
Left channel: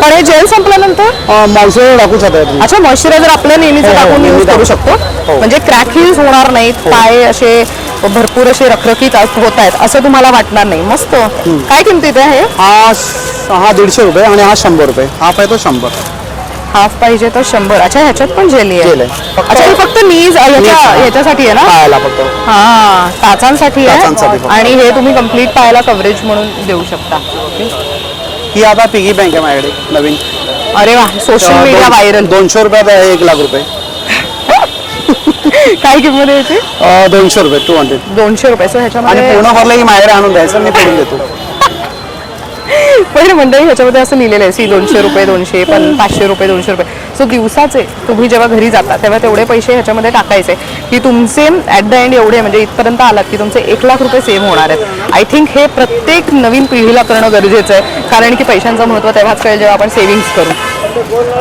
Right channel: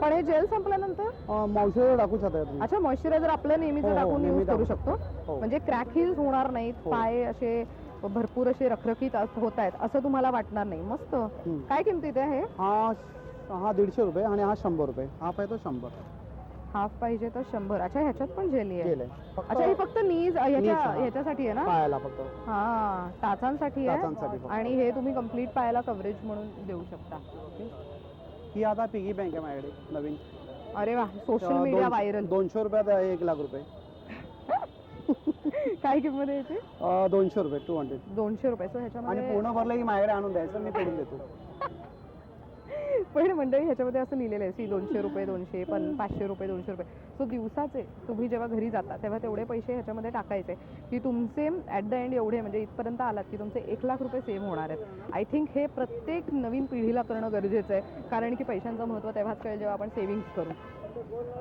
पण हे जेल संपल्यानंतर मॉइश्चरायझर टाकू शकता तुम्ही. अच्छा, मॉइश्चरायझर आपल्या नेहमीच हो, टाकून नेहमी यूज करू टाकू. शकतो. म्हणजे क्रॅकहीच होणार नाहीत, पाय असे भरपूर असे रखरखीत होत आहेत असं तुम्हाला वाटणार नाही. मस्त. काय किमतीत आहे हे? हा 150 रुपये आणि हा 100 रुपये. हाफ आहे तो 100. हाफ पाहिजे तर 100. अच्छा, ह्याच्यात पण जेली जेल आहे. आहे. अच्छा, हे फक्त नीज ह्याच्यासाठी आहे ना. पायाला फक्त. हा, टाचांसाठी टाचांसाठी आहे. फक्त. आणि हे तुम्ही कम्प्लीट पायाला कव्हरेज म्हणून देऊ शकता. ही आता पिगी बँक आहे माझ्याकडे नवीन. अरे वा, सोशल मीडिया व्हायरल. 200 रुपयात आहे 1 लाख रुपये. काय किंमत आहे याची? 200 रुपये. 200. 200 रुपये. सो आणि ह्याच्यामध्ये पूर्ण भरलं की माझ्याकडे आणून द्यायचं, मी करून देतो. पहिले मंडळी ह्याच्यामध्ये असं लिहिलेलं आहे, सी 200 रुपये, 200, 500 रुपये, 200 रुपये. सो दिवसाचे तुम्ही जेव्हा घरी जाता तेव्हा तेवढे पैसे ह्याच्यामध्ये टाकायचे की तुमचे ॲट द एंड एवढे म्हणजे इथपर्यंत आलात की तुमचे 1 लाख रुपये सेव्ह होणार आहेत. आय थिंक हे प्रत्येक नवीन पिढीला करणं गरजेचं आहे, कारण की पैशांचं महत्त्व तेव्हाच कळेल जेव्हा आपण सेव्हिंग्स करू.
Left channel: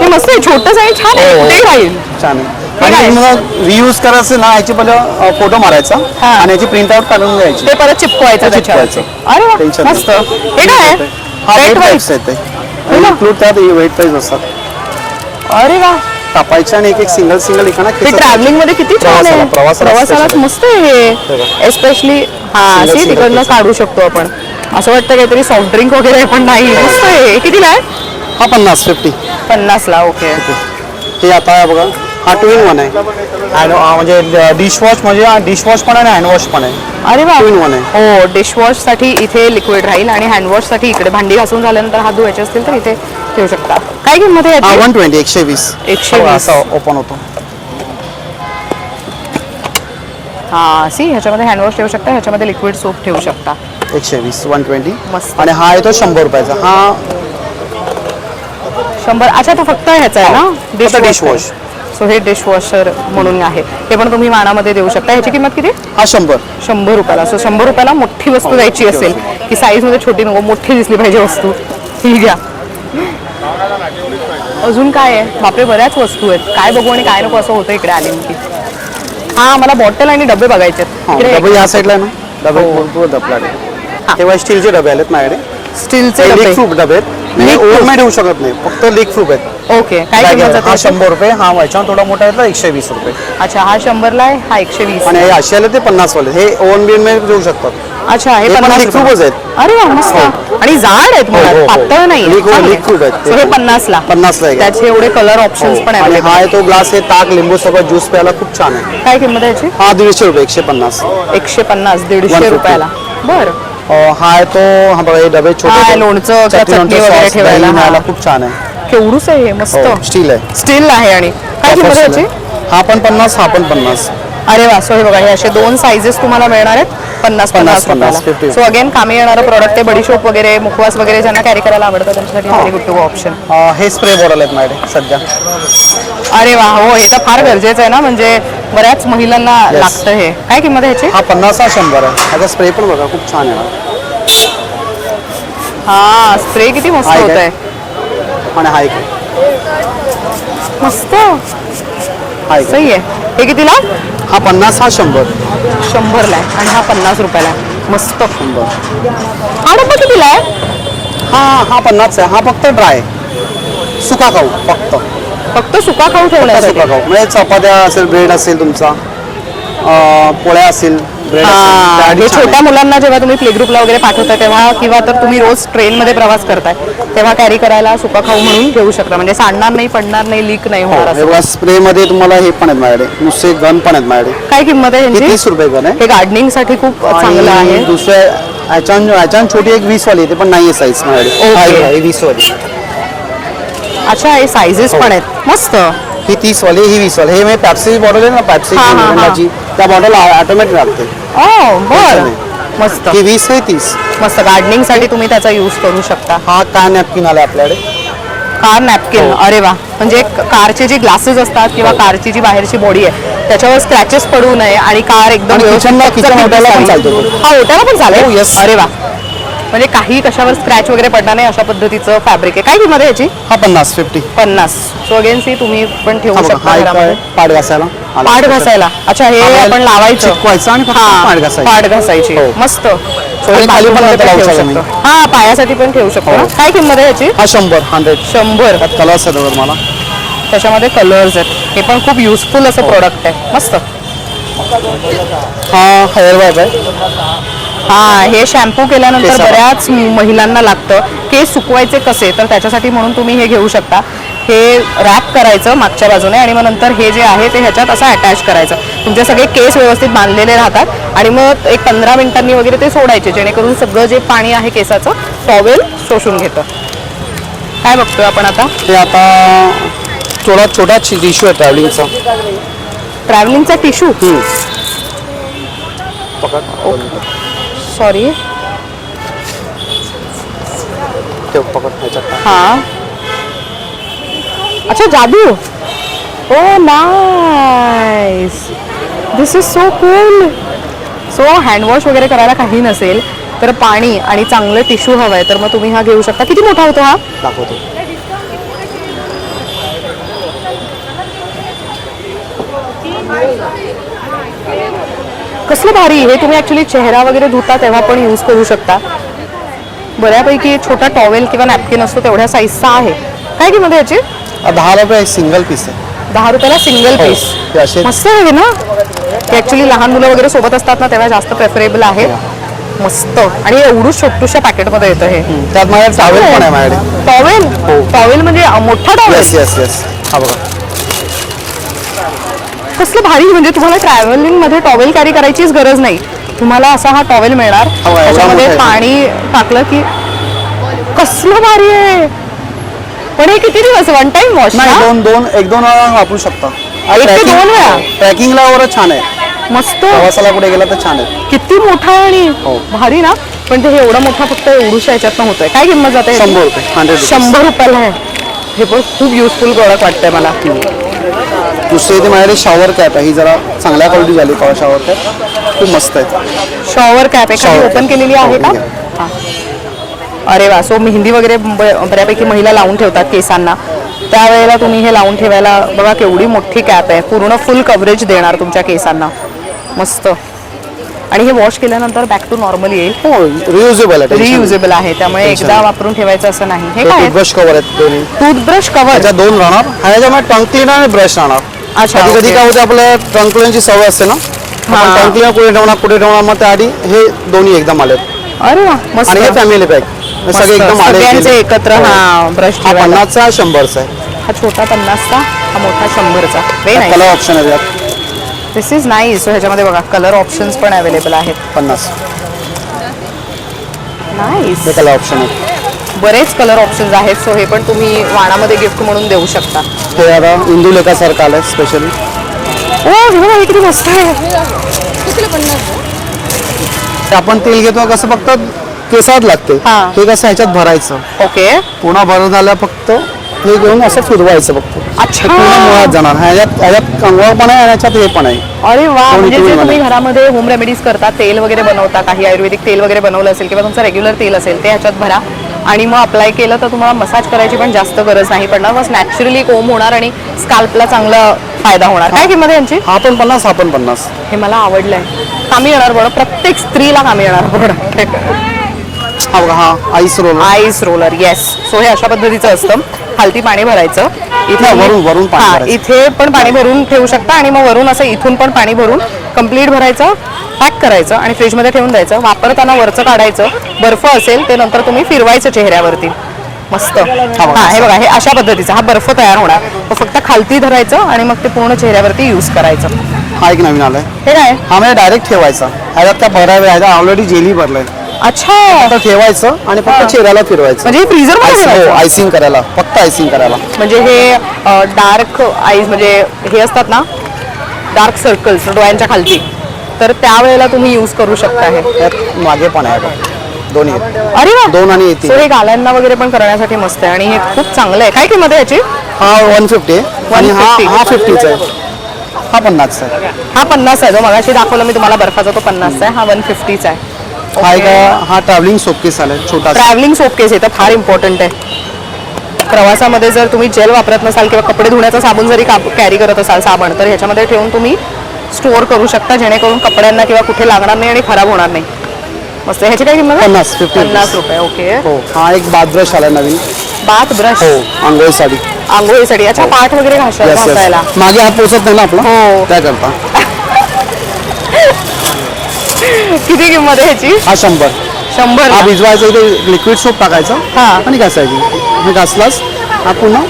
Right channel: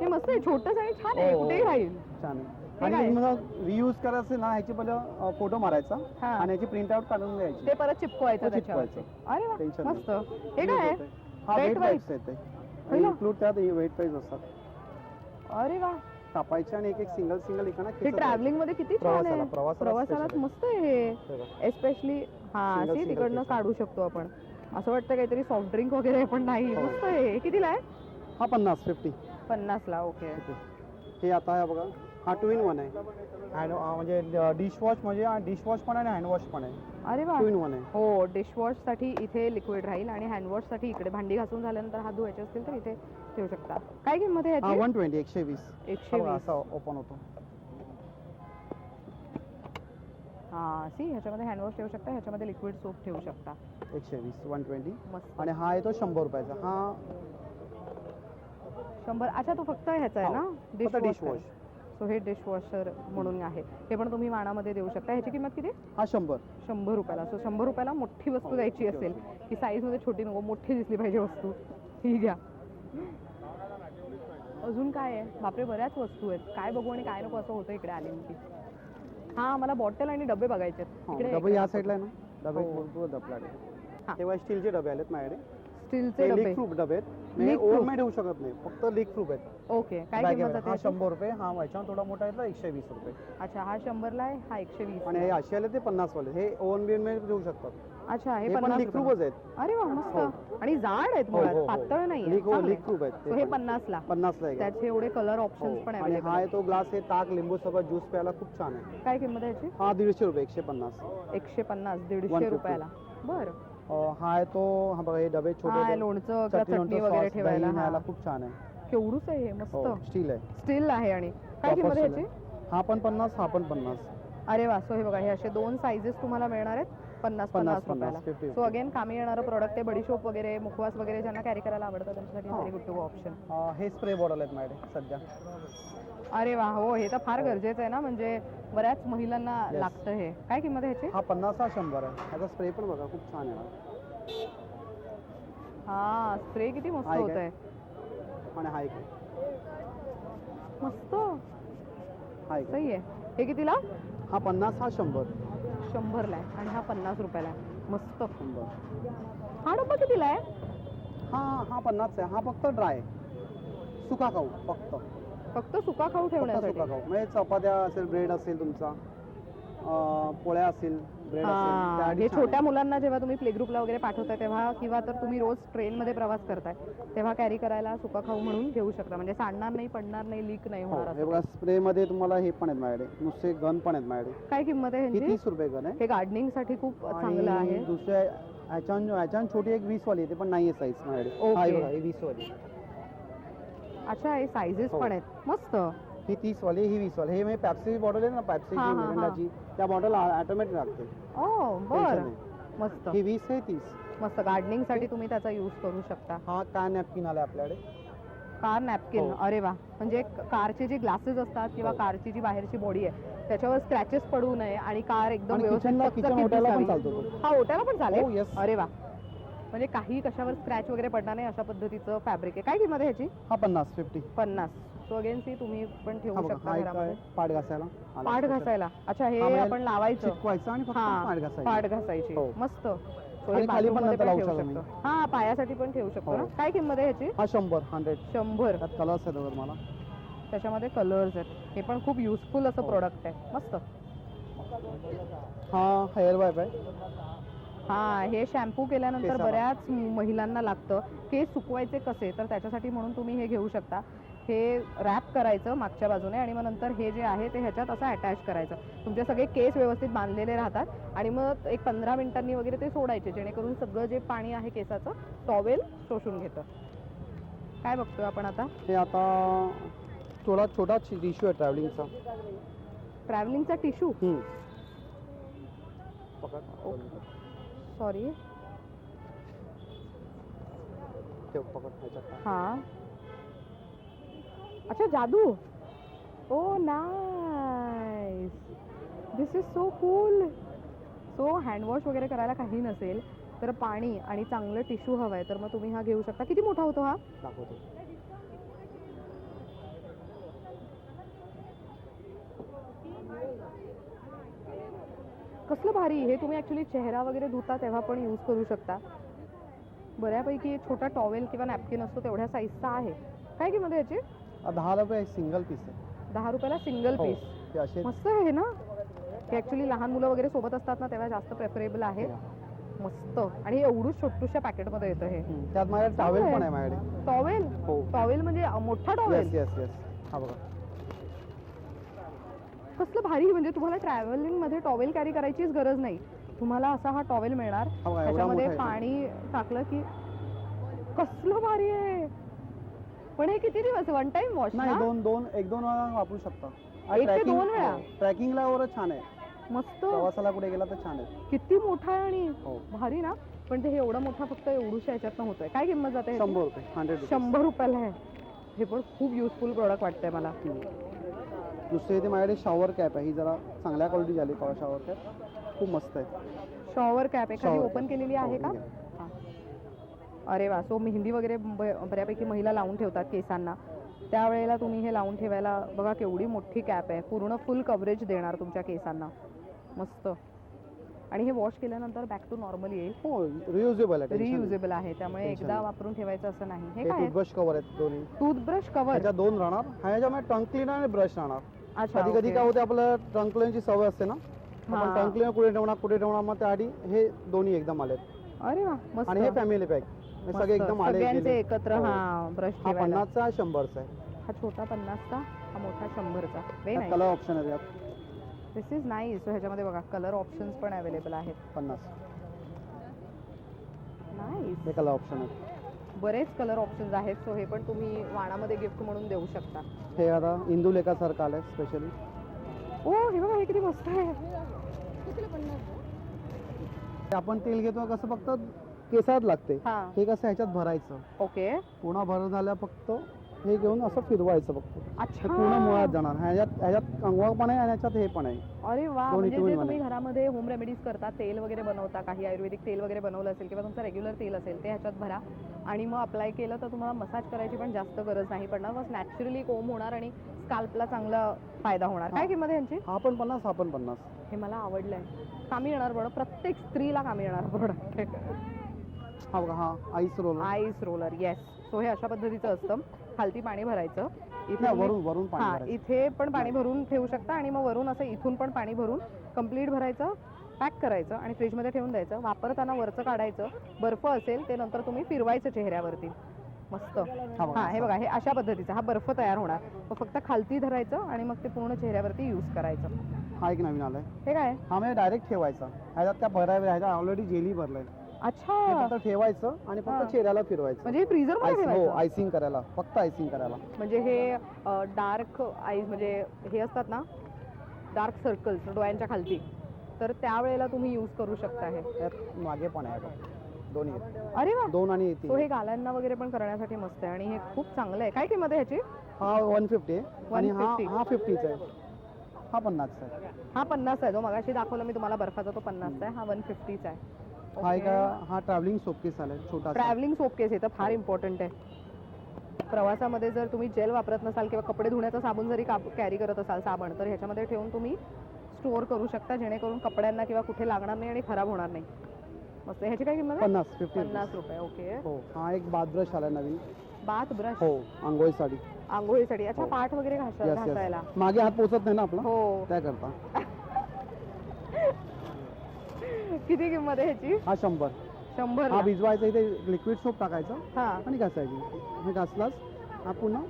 हे मस्त आहे, छोटंच आहे, छान आहे. कुठेही राहील. छान आहे. आणि मग रियूज करायचं ना, ह्याची पहिलं फोटो मारायचा हा. आणि याची प्रिंट आउट काढून घ्यायची. ते परत चिपकवायचं त्याच्यावर. चिपकवायचं. अरे वा, टेन्शन मस्त. नाही. हे काय आहे? हा Weight वेट wise? टाईप्स आहेत ते. इन्क्लूड त्यात वेट प्राईस असतात. अरे वा, कापायचे आणि एक सिंगल एकाना ते ट्रॅव्हलिंग मध्ये किती छान आहे. प्रवासाला special. मस्त आहे हे. एस्पेशली हा, Single असे तिकडनं piece. काढू शकतो आपण. असं वाटतं काहीतरी सॉफ्ट ड्रिंक वगैरे पण नाही. मस्त आहे. हे कितीला आहे? हा 50. 50ला. ओके. हे आता बघा, हा 2-in-1 आहे. म्हणजे डिशवॉश, म्हणजे डिशवॉश पण आहे आणि हँडवॉश पण आहे. अरे वा. 2-in-1 आहे. हो, डिशवॉश साठी इथे लिक्विड राहील आणि हँडवॉश साठी इकडे. भांडी घासून झाल्यानंतर हात धुवायचे असतील तर इथे ठेवू शकता. काय किंमत आहे हा याची? 120. 120. 120. असा ओपन होतो. हा, सी ह्याच्यामध्ये हँडवॉश ठेवू शकता, ह्याच्यामध्ये लिक्विड सोप ठेवू शकता. 120. 120. मस्त. आणि हा आहे तो 100 रुपयाचा. हा 100. अच्छा, तो फक्त ह्याचा आहे ना, डिशवॉश. सो हे डिशवॉशर म्हणून आहे. हे पण तुम्ही मानामध्ये देऊ शकता. ह्याची किंमत किती? हा 100. 100 रुपयाला. सो 100 रुपयाला मोठी वस्तू द्यायची असेल की साईज मध्ये छोटी नको, मोठी दिसली पाहिजे वस्तू, ही घ्या. अजून काय आहे? बापरे, बऱ्याच वस्तू आहेत. काय बघू आणि काय नको असं होतं इकडे आले की. हा, मला बॉटल आणि डबे बघायचे आहेत. इकडे डबे या साईडला आहे ना, डबे भरपूर डबे आहेत. तेव्हा स्टीलचे डबे आलेत माझ्याकडे. स्टीलचे लीक डबे. प्रूफ डबे आहेत. Leak proof. ओव्हन ठेवू शकत नाही, फक्त लीक प्रूफ आहेत. ओके. काय Bag किंमत आहे. जाते हा याची? 100 रुपये. हा व्हायचा थोडा मोठा आहे 120 रुपये. अच्छा, हा 100ला आहे, हा 120. आणि हे असे आले ते 50 वाले. हे ओव्हन बिन मध्ये ठेवू शकतात. अच्छा, हे हे पण 50 leak proof रुपये. आहेत. अरे वा, मस्त. आणि जाड आहेत हो, हो, मुळात, हो. पातळ नाही. Leak proof आहेत ते. हे 50ला. 50 ला आहे. त्याचे एवढे कलर ऑप्शन्स पण आणि आहेत. हा आहे तो ग्लास, हे ताक लिंबू सोबत ज्यूस प्यायला खूप छान आहे. काय किंमत आहे याची? हा 150 रुपये. 150. 150. 150 150. रुपयाला. बरं. हा आहे तो, हा बघा, हे डबे हा, छोटे लोणचं, चटणी चटणी वगैरे sauce, ठेवायला. दही हा. न्यायला खूप छान आहे. केवढूच आहे हे, मस्त. स्टील आहे. स्टील आहे. आणि काय किंमत आहे याची? हा पण 50. हा पण 50. अरे वा. सो हे बघा, हे असे 2 साईजेस तुम्हाला मिळणार आहेत 50 रुपयाला. 50. सो अगेन कामी येणारं प्रोडक्ट आहे. बडीशोप वगैरे, मुखवास वगैरे ज्यांना कॅरी करायला आवडतं त्यांच्यासाठी व्हेरी गुड टू ऑप्शन. हे स्प्रे बॉटल आहेत माझ्याकडे सध्या. अरे वा. हो, हे तर फार गरजेचं आहे ना, म्हणजे बऱ्याच महिलांना लागतं हे. काय किंमत आहे ह्याची? हा 50. हा 100 आहे. ह्याचा स्प्रे पण बघा खूप छान आहे. हा, स्प्रे किती मस्त हा, एक होत आहे. आहे. आणि हा एक. मस्त. हा एक. सही आहे. हे कितीला? हा 50. हा 100. 100ला आहे आणि हा 50 रुपयाला आहे. मस्त. 100. हा डब्बा कितीला आहे? हा 50 आहे. हा फक्त ड्राय सुका खाऊ, फक्त फक्त सुका खाऊ सुका ठेवण्यासाठी. खाऊ म्हणजे चपात्या असेल, ब्रेड असेल तुमचा, पोळ्या असेल, ब्रेड हा, हे असेल, छोट्या मुलांना जेव्हा तुम्ही प्ले ग्रुपला वगैरे पाठवता तेव्हा किंवा तर तुम्ही रोज ट्रेनमध्ये प्रवास करताय तेव्हा कॅरी करायला सुका खाऊ म्हणून घेऊ शकता. म्हणजे सांडणार नाही, पडणार नाही, लीक नाही होणार असं. हो, स्प्रे मध्ये तुम्हाला हे पण आहेत माझ्याकडे, नुसते गन पण आहेत माझ्याकडे. काय किंमत आहे हे ह्यांची? 30 रुपये गन आहे. हे गार्डनिंग साठी खूप चांगलं आहे. आणि दुसऱ्या याच्यान छोटी एक 20 वाली ते पण नाही आहे साईज माझ्याकडे. ओके. हे 20 वाली. अच्छा, हे सायझेस पण आहेत मस्त. ही 30 वाली, ही 20 वाली. हे मी पॅप्सी बॉटल आहे ना, पॅप्सी हा, हा, हा. मिरिंडाची, त्या बॉटल ऑटोमॅटिक लागते. ओ बर, मस्त ही 20 आहे, 30. मस्त. गार्डनिंग साठी तुम्ही त्याचा यूज करू शकता. हा काय नॅपकिन आला आपल्याकडे. कार नॅपकिन, अरे वा. म्हणजे कारचे जे ग्लासेस असतात किंवा कारची जी बाहेरची बॉडी आहे त्याच्यावर स्क्रॅचेस पडू नये आणि कार एकदम आणि किचनला ओट्याला पण चालतो. हा, ओट्याला पण चालेल. हो, yes. अरे वा. म्हणजे काही कशावर स्क्रॅच वगैरे पडणार नाही अशा पद्धतीचं फॅब्रिक आहे. काय किंमत आहे याची? हा 50. 50. सो अगेन सी तुम्ही पण ठेवू शकता हा एक घरामध्ये. पाड घासायला आला. पाठ घासायला. अच्छा, हे आपल्याला आपण लावायचं. चिटकवायचं आणि फक्त हा, पाठ घासायची. पाठ घासायची. हो. मस्त. So आणि हे खाली पण बाथरूममध्ये लावू ठेवू शकतो मी. शकतो. हा, पायासाठी पण ठेवू शकतो ना. हो. काय किंमत आहे याची? हा 100. 100. त्यात कलर्स आहेत बघा मला. त्याच्यामध्ये कलर्स आहेत. हे पण खूप युजफुल असं प्रोडक्ट आहे. मस्त. हा हेअर वाईप आहे. हा, हे शॅम्पू केल्यानंतर केसाला. बऱ्याच महिलांना लागतं. केस सुकवायचे कसे, तर त्याच्यासाठी म्हणून तुम्ही हे घेऊ शकता. हे रॅप करायचं मागच्या बाजूने आणि मग नंतर हे जे आहे ते ह्याच्यात असं अटॅच करायचं. तुमचे सगळे केस व्यवस्थित बांधलेले राहतात आणि मग एक 15 मिनिटांनी वगैरे ते सोडायचे, जेणेकरून सगळं जे पाणी आहे केसाचं टॉवेल शोषून घेतं. काय बघतोय आपण आता? ते आता थोडा छोटा टिश्यू आहे ट्रॅव्हलिंगचा. ट्रॅव्हलिंगचा टिश्यू. सॉरी. पकड ह्याच्यात. हा, अच्छा, जादू. ओ nice, this is so cool. So handwash वगैरे करायला काही नसेल तर पाणी आणि चांगलं टिश्यू हवंय तर मग तुम्ही हा घेऊ शकता. किती मोठा होतो हा? दाखवतो. कसलं भारी. हे तुम्ही ऍक्च्युली चेहरा वगैरे धुता तेव्हा पण यूज करू शकता. बऱ्यापैकी छोटा टॉवेल किंवा नॅपकिन असतो तेवढ्या साईजचा आहे. काय किंमत आहे याची? 10 रुपये सिंगल पीस आहे. 10 रुपयाला सिंगल हो. पीस. हे असे मस्त आहे ना. हे ऍक्च्युली लहान मुलं वगैरे सोबत असतात ना तेव्हा जास्त प्रेफरेबल आहे. मस्त. आणि एवढं छोटूशा पॅकेटमध्ये येतं हे. त्यात माझ्या टॉवेल पण आहे माझ्याकडे. टॉवेल. हो. टॉवेल म्हणजे मोठा टॉवेल. Yes yes yes. हा बघा. कसलं भारी. म्हणजे तुम्हाला ट्रॅव्हलिंग मध्ये टॉवेल कॅरी करायचीच गरज नाही. तुम्हाला असा हा टॉवेल मिळणार. एवढा त्याच्यामध्ये मोठा आहे. पाणी टाकलं की कसलं भारी आहे. पण हे किती दिवस वन टाइम वॉश? नाही, एक दोन वेळा वापरू शकता. एक ते दोन वेळा? ट्रॅकिंगला वगैरे छान आहे. मस्त. प्रवासाला कुठे गेला तर छान आहे. किती मोठा आहे आणि हो. भारी ना. पण ते हे एवढा मोठा फक्त एवढूशा ह्याच्यातनं होतोय. काय किंमत जाते? 100 रुपये. 100 रुपये. 100 रुपयाला आहे. हे पण खूप युजफुल प्रोडक्ट वाटतंय मला. दुसरी इथे माझ्याकडे शॉवर कॅप आहे. ही जरा चांगल्या क्वालिटी झाली. शॉवर कॅप खूप मस्त आहे. शॉवर कॅप एखादी Shower ओपन cap. केलेली आहे का? हो, हा. अरे वा. सो मेहंदी वगैरे बऱ्यापैकी महिला लावून ठेवतात केसांना. त्यावेळेला तुम्ही हे लावून ठेवायला बघा केवढी मोठी कॅप आहे. पूर्ण फुल कव्हरेज देणार तुमच्या केसांना. मस्त. आणि हे वॉश केल्यानंतर बॅक टू नॉर्मल येईल. हो, रियुजेबल आहे. रियुजेबल आहे त्यामुळे एकदा वापरून ठेवायचं असं नाही. हे काय? ब्रश कव्हर आहेत दोन्ही. Toothbrush cover. त्याच्या 2 राहणार. ह्याच्यामध्ये टंग क्लीनर आणि ब्रश राहणार. अच्छा, कधी कधी ओके. काय होते आपल्या टंग क्लीनरची सवय असते ना. हा. टंग क्लीनर कुठे ठेवणार मग त्याआधी हे दोन्ही एकदम आलेत. अरे वा, मस्त. आणि हे फॅमिली पॅक मस्त. सगळे एकदम आले. सगळ्यांचे एकत्र. हा, ब्रश हा ठेवायला. 50चा 100चा आहे. हा छोटा 50चा, हा मोठा 100चा. Very nice. कलर ऑप्शन आहे त्यात. दिस इज नाईस. सो ह्याच्यामध्ये बघा कलर ऑप्शन्स पण अवेलेबल आहेत. 50 नाईस. हे कलर ऑप्शन आहे. बरेच कलर ऑप्शन्स आहेत. सो हे पण तुम्ही वाणामध्ये गिफ्ट म्हणून देऊ शकता. हे आता इंदुलेखासारखं आलंय स्पेशली. ओ, हे बघा हे किती मस्त आहे. ते आपण तेल घेतो कसं फक्त केसात लागते. हा. हे कसं ह्याच्यात भरायचं. ओके. पूर्ण भरून झालं फक्त हे घेऊन असं फिरवायचं फक्त. अच्छा. हे पूर्ण मुळात जाणार. ह्याच्यात कंगवा पण आहे आणि ह्याच्यात हे पण आहे. अरे वा. दोन्ही म्हणजे जे तुम्ही तुम्ही मला. घरामध्ये होम रेमेडीज करता, तेल वगैरे बनवता, काही आयुर्वेदिक तेल वगैरे बनवलं असेल किंवा तुमचं रेग्युलर तेल असेल ते ह्याच्यात भरा आणि मग अप्लाय केलं तर तुम्हाला मसाज करायची पण जास्त गरज नाही पडणार. बस नॅचरली कोम होणार आणि स्काल्पला चांगला फायदा होणार. काय किंमत आहे यांची? हा पण 50, हा पण 50. हे मला आवडलंय. कामी येणार बरं. प्रत्येक स्त्रीला कामी येणार बरं. हा बघा, हा ice roll. Ice roller. Yes. So हे अशा पद्धतीचं असतं. खालती पाणी भरायचं. वरून पाणी हा, भरायचं. इथे पण पाणी भरून ठेवू शकता आणि मग वरून असं इथून पण पाणी भरून कम्प्लीट भरायचं, पॅक करायचं आणि फ्रीजमध्ये ठेवून द्यायचं. वापरताना वरचं काढायचं, बर्फ असेल ते नंतर तुम्ही फिरवायचं चेहऱ्यावरती. मस्त. हा हे बघा, हे अशा पद्धतीचा हा बर्फ तयार होणार. तो फक्त खालती धरायचं आणि मग ते पूर्ण चेहऱ्यावरती यूज करायचं. हा एक नवीन आलाय. हे काय? हा म्हणजे डायरेक्ट ठेवायचा, ह्याच्यात काय भरायला ऑलरेडी जेली भरलंय. अच्छा, फक्त ठेवायचं आणि फक्त चेहऱ्याला फिरवायचं. म्हणजे फ्रीजर मध्ये ठेवायचं? आयसिंग करायला, फक्त आयसिंग करायला. म्हणजे हे डार्क आईज म्हणजे हे असतात ना, डार्क सर्कल्स डोळ्यांच्या खालती, तर त्यावेळेला तुम्ही यूज करू शकता. हे त्यात मागे पण आहे बघ, दोन्ही आहेत. अरे वा, 2 आणि 1. So हे गाल्यांना वगैरे पण करण्यासाठी मस्त आहे आणि हे खूप चांगलं आहे. काय किंमत आहे याची? हा 150 आहे आणि हा 50चा आहे. हा 50चा आहे. हा 50 आहे. जो मगाशी दाखवला मी तुम्हाला बर्फाचा, तो 50चा आहे. हा 150चा आहे. हा एक हा ट्रॅव्हलिंग सोपकेस आलाय छोटा. ट्रॅव्हलिंग सोप केस तर फार इम्पॉर्टंट आहे. प्रवासामध्ये जर तुम्ही जेल वापरत नसाल किंवा कपडे धुण्याचा साबण जरी कॅरी करत असाल साबण, तर ह्याच्यामध्ये ठेवून तुम्ही स्टोअर करू शकता, जेणेकरून कपड्यांना किंवा कुठे लागणार नाही आणि खराब होणार नाही. मस्त. ह्याची काय किंमत? 50 रुपये. ओके. हो. हा एक बाथ ब्रश आलाय नवीन. Bath brush? हो, आंघोळीसाठी. आंघोळीसाठी. अच्छा, पाठ वगैरे घासायला. मागे हात पोचत नाही ना आपला. हो. काय करता. किती किंमत आहे ह्याची? हा 100. 100. हा भिजवायचा, इथे लिक्विड सोप टाकायचं हा. आणि घासायची. हे घासलास हा पुन्हा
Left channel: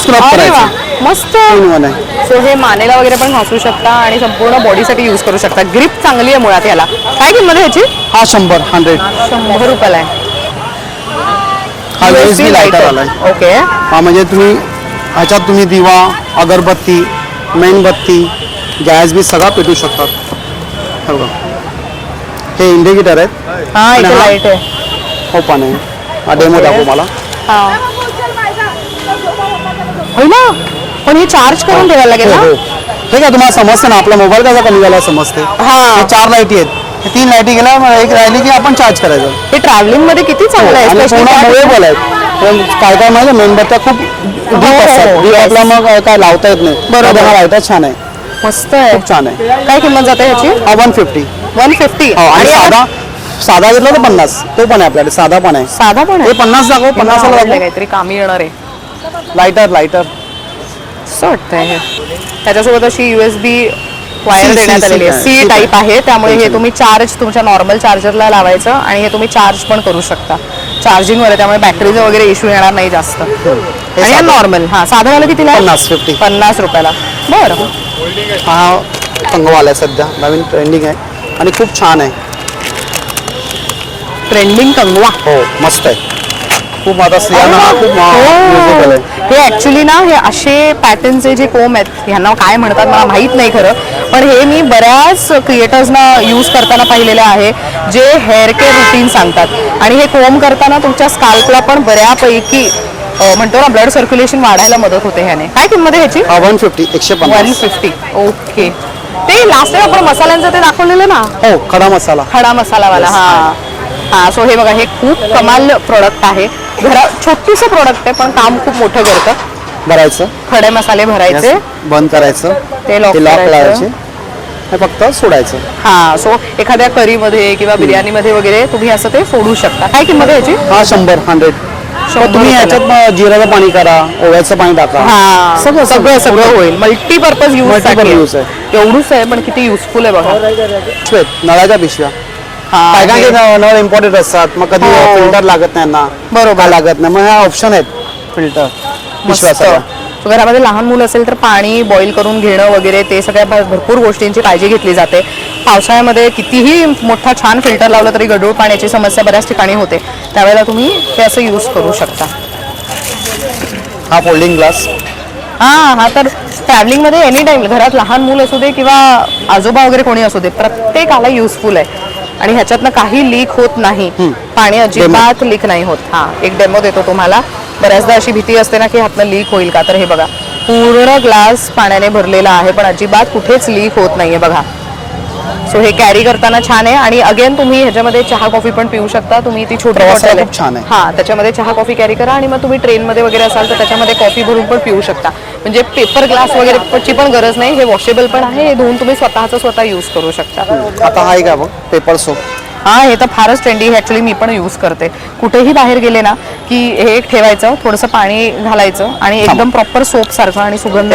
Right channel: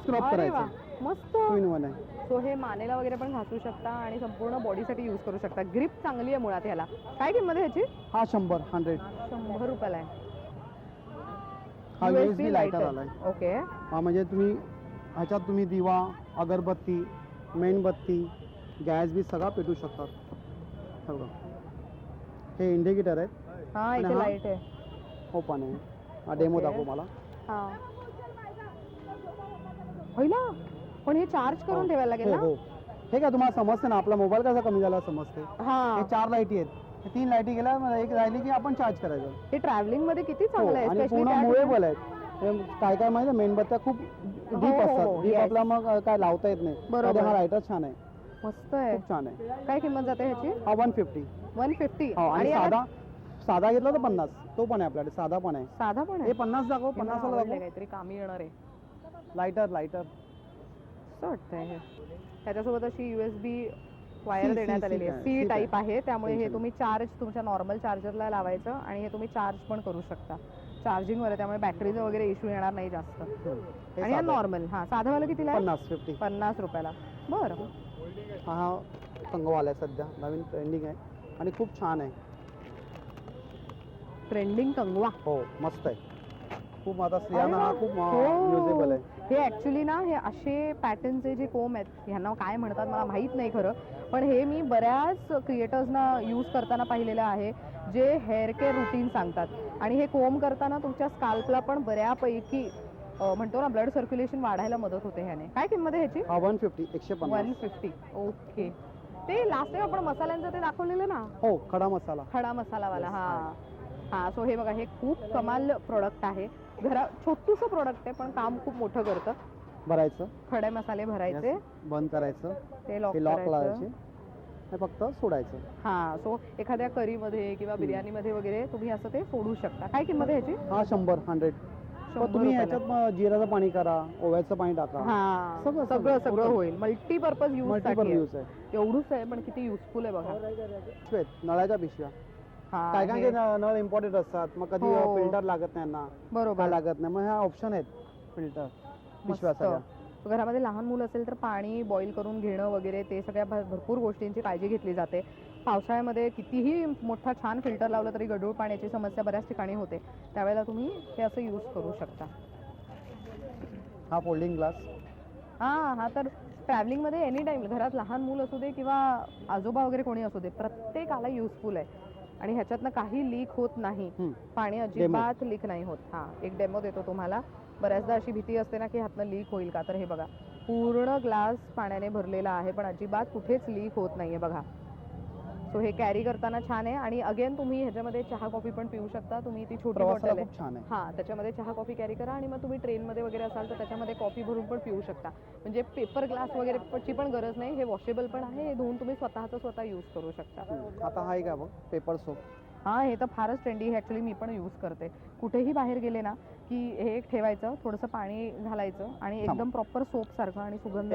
स्क्रब अरे वा, करायचा. मस्त. 3 in 1 आहे. सो हे मानेला वगैरे पण घासू शकता आणि संपूर्ण बॉडीसाठी यूज करू शकता. ग्रिप चांगली आहे मुळात याला. काय किंमत आहे ह्याची? हा 100. 100 रुपयाला आहे. हा USB लायटर आलाय. ओके. हा म्हणजे तुम्ही ह्याच्यात तुम्ही दिवा, अगरबत्ती, मेणबत्ती, गॅस बी सगळा पेटू शकतात. हे बघा, हे इंडिकेटर आहेत. हा, आणि इथे हा- लाईट आहे. हो पण आहे. हा डेमो दाखव मला. हा. होय ना, पण हे चार्ज करून ठेवायला लागेल हो, ना? हो. हे काय तुम्हाला समजते ना, आपला मोबाईल कसा कमी झाला समजते. हा. हे 4 लाईटी आहेत. हे 3 लाईटी गेल्या, एक राहिली की आपण चार्ज करायचं. हे ट्रॅव्हलिंग मध्ये किती चांगलं आहे. आणि especially पूर्ण त्या- मुवेबल आहेत. पण काय काय माहिती मेणबत्त्या खूप डीप असतात. डीप आपला मग काय लावता येत नाही. बरोबर. हा लायटर छान आहे, मस्त आहे. खूप छान आहे. काय किंमत जाते ह्याची? हा 150. 150. हो, आणि आणि साधा घेतला तर 50. तो पण आहे आपल्याकडे, साधा पण आहे. साधा पण हे आहे. 50 दाखव. 50 ला आवडलं दाखव. काहीतरी कामी येणार आहे लायटर असं वाटतंय हे. त्याच्यासोबत अशी USB वायर C देण्यात आलेली आहे. आहे. C टाईप आहे, त्यामुळे हे तुम्ही चार्ज तुमच्या नॉर्मल चार्जरला लावायचं आणि हे तुम्ही चार्ज पण करू शकता. चार्जिंगवर आहे, त्यामुळे बॅटरीचा वगैरे इश्यू येणार नाही जास्त. आणि साधं. नॉर्मल. हा, साधावाला कितीला आहे? 50. 50 रुपयाला. बरं. हा कंगवा आहे सध्या, नवीन ट्रेंडिंग आहे आणि खूप छान आहे. ट्रेंडिंग कंगवा. हो, मस्त आहे. खूप आता स्त्रियांना हा खूप युजेबल आहे. हे ऍक्च्युली ना, हे असे पॅटर्नचे जे कोम आहेत, ह्यांना काय म्हणतात मला माहित नाही खरं, पण हे मी बऱ्याच क्रिएटर्सना यूज करताना पाहिलेलं आहे, जे हेअर केअर रुटीन सांगतात. आणि हे कोम करताना तुमच्या स्काल्पला पण बऱ्यापैकी म्हणतो ना, ब्लड सर्क्युलेशन वाढायला मदत होते ह्याने. काय किंमत आहे ह्याची? 150. 150. 150. ओके. ते लास्ट टाइम आपण मसाल्यांचं ते दाखवलेलं ना, हो, खडा मसाला. खडा मसालावाला. हा हा. सो हे बघा, हे खूप कमाल प्रोडक्ट आहे. छोटूसं प्रोडक्ट आहे, पण काम खूप मोठं करतं. भरायचं, खडे मसाले भरायचे, बंद करायचं, ते लॉक लावायचे, करायचं. हे फक्त सोडायचं. हा. सो एखाद्या करीमध्ये किंवा बिर्याणीमध्ये वगैरे तुम्ही असं ते फोडू शकता. काय किंमत आहे याची? हा 100. 100. तुम्ही ह्याच्यात जिऱ्याचं पाणी करा, ओव्याचं पाणी टाका. हा, सगळं सगळं सगळं होईल. मल्टीपर्पज Multipurpose यूज use एवढूच आहे, पण किती युजफुल आहे बघा. पिशव्या, नळाच्या पिशव्या. हा, काय काय हे- नळ इम्पॉर्टंट असतात, मग कधी हो. फिल्टर लागत नाही ना, बरोबर. काय लागत नाही, मग ह्या ऑप्शन आहेत फिल्टर पिशव्या मस्त. सगळ्या. So घरामध्ये लहान मुलं असेल तर पाणी बॉईल करून घेणं वगैरे ते सगळ्या भरपूर गोष्टींची काळजी घेतली जाते. पावसाळ्यामध्ये कितीही मोठा छान फिल्टर लावला तरी गढूळ पाण्याची समस्या बऱ्याच ठिकाणी होते. त्यावेळेला तुम्ही ते असं यूज करू शकता. हा फोल्डिंग ग्लास. हा तर ट्रॅव्हलिंगमध्ये एनी टाइम घरात लहान मूल असू दे किंवा आजोबा वगैरे कोणी असू दे, प्रत्येकाला युजफुल आहे. आणि ह्याच्यातनं काही लीक होत नाही, पाणी अजिबात लीक नाही होत. हा, एक डेमो देतो तुम्हाला. बऱ्याचदा अशी भीती असते ना की ह्यातनं लीक होईल का, तर हे बघा, पूर्ण ग्लास पाण्याने भरलेला आहे, पण अजिबात कुठेच लीक होत नाहीये बघा. सो हे कॅरी करताना छान आहे. आणि अगेन तुम्ही ह्याच्यामध्ये चहा कॉफी पण पिऊ शकता. तुम्ही ती छोटी प्रवासाला बॉटल खूप छान आहे. हा, त्याच्यामध्ये चहा कॉफी कॅरी करा आणि मग तुम्ही ट्रेनमध्ये वगैरे असाल तर त्याच्यामध्ये कॉफी भरून पण पिऊ शकता. म्हणजे पेपर ग्लास वगैरे ची पण गरज नाही. हे वॉशेबल पण आहे. हे धुवून तुम्ही स्वतः यूज करू शकता. आता हा एक आहे बघ, पेपर सोप. हा, हे तर फारच ट्रेंडी. हे ऍक्च्युली मी पण यूज करते. कुठेही बाहेर गेले ना की हे एक ठेवायचं, थोडंसं पाणी घालायचं आणि एकदम प्रॉपर सोप सारखं आणि सुगंध.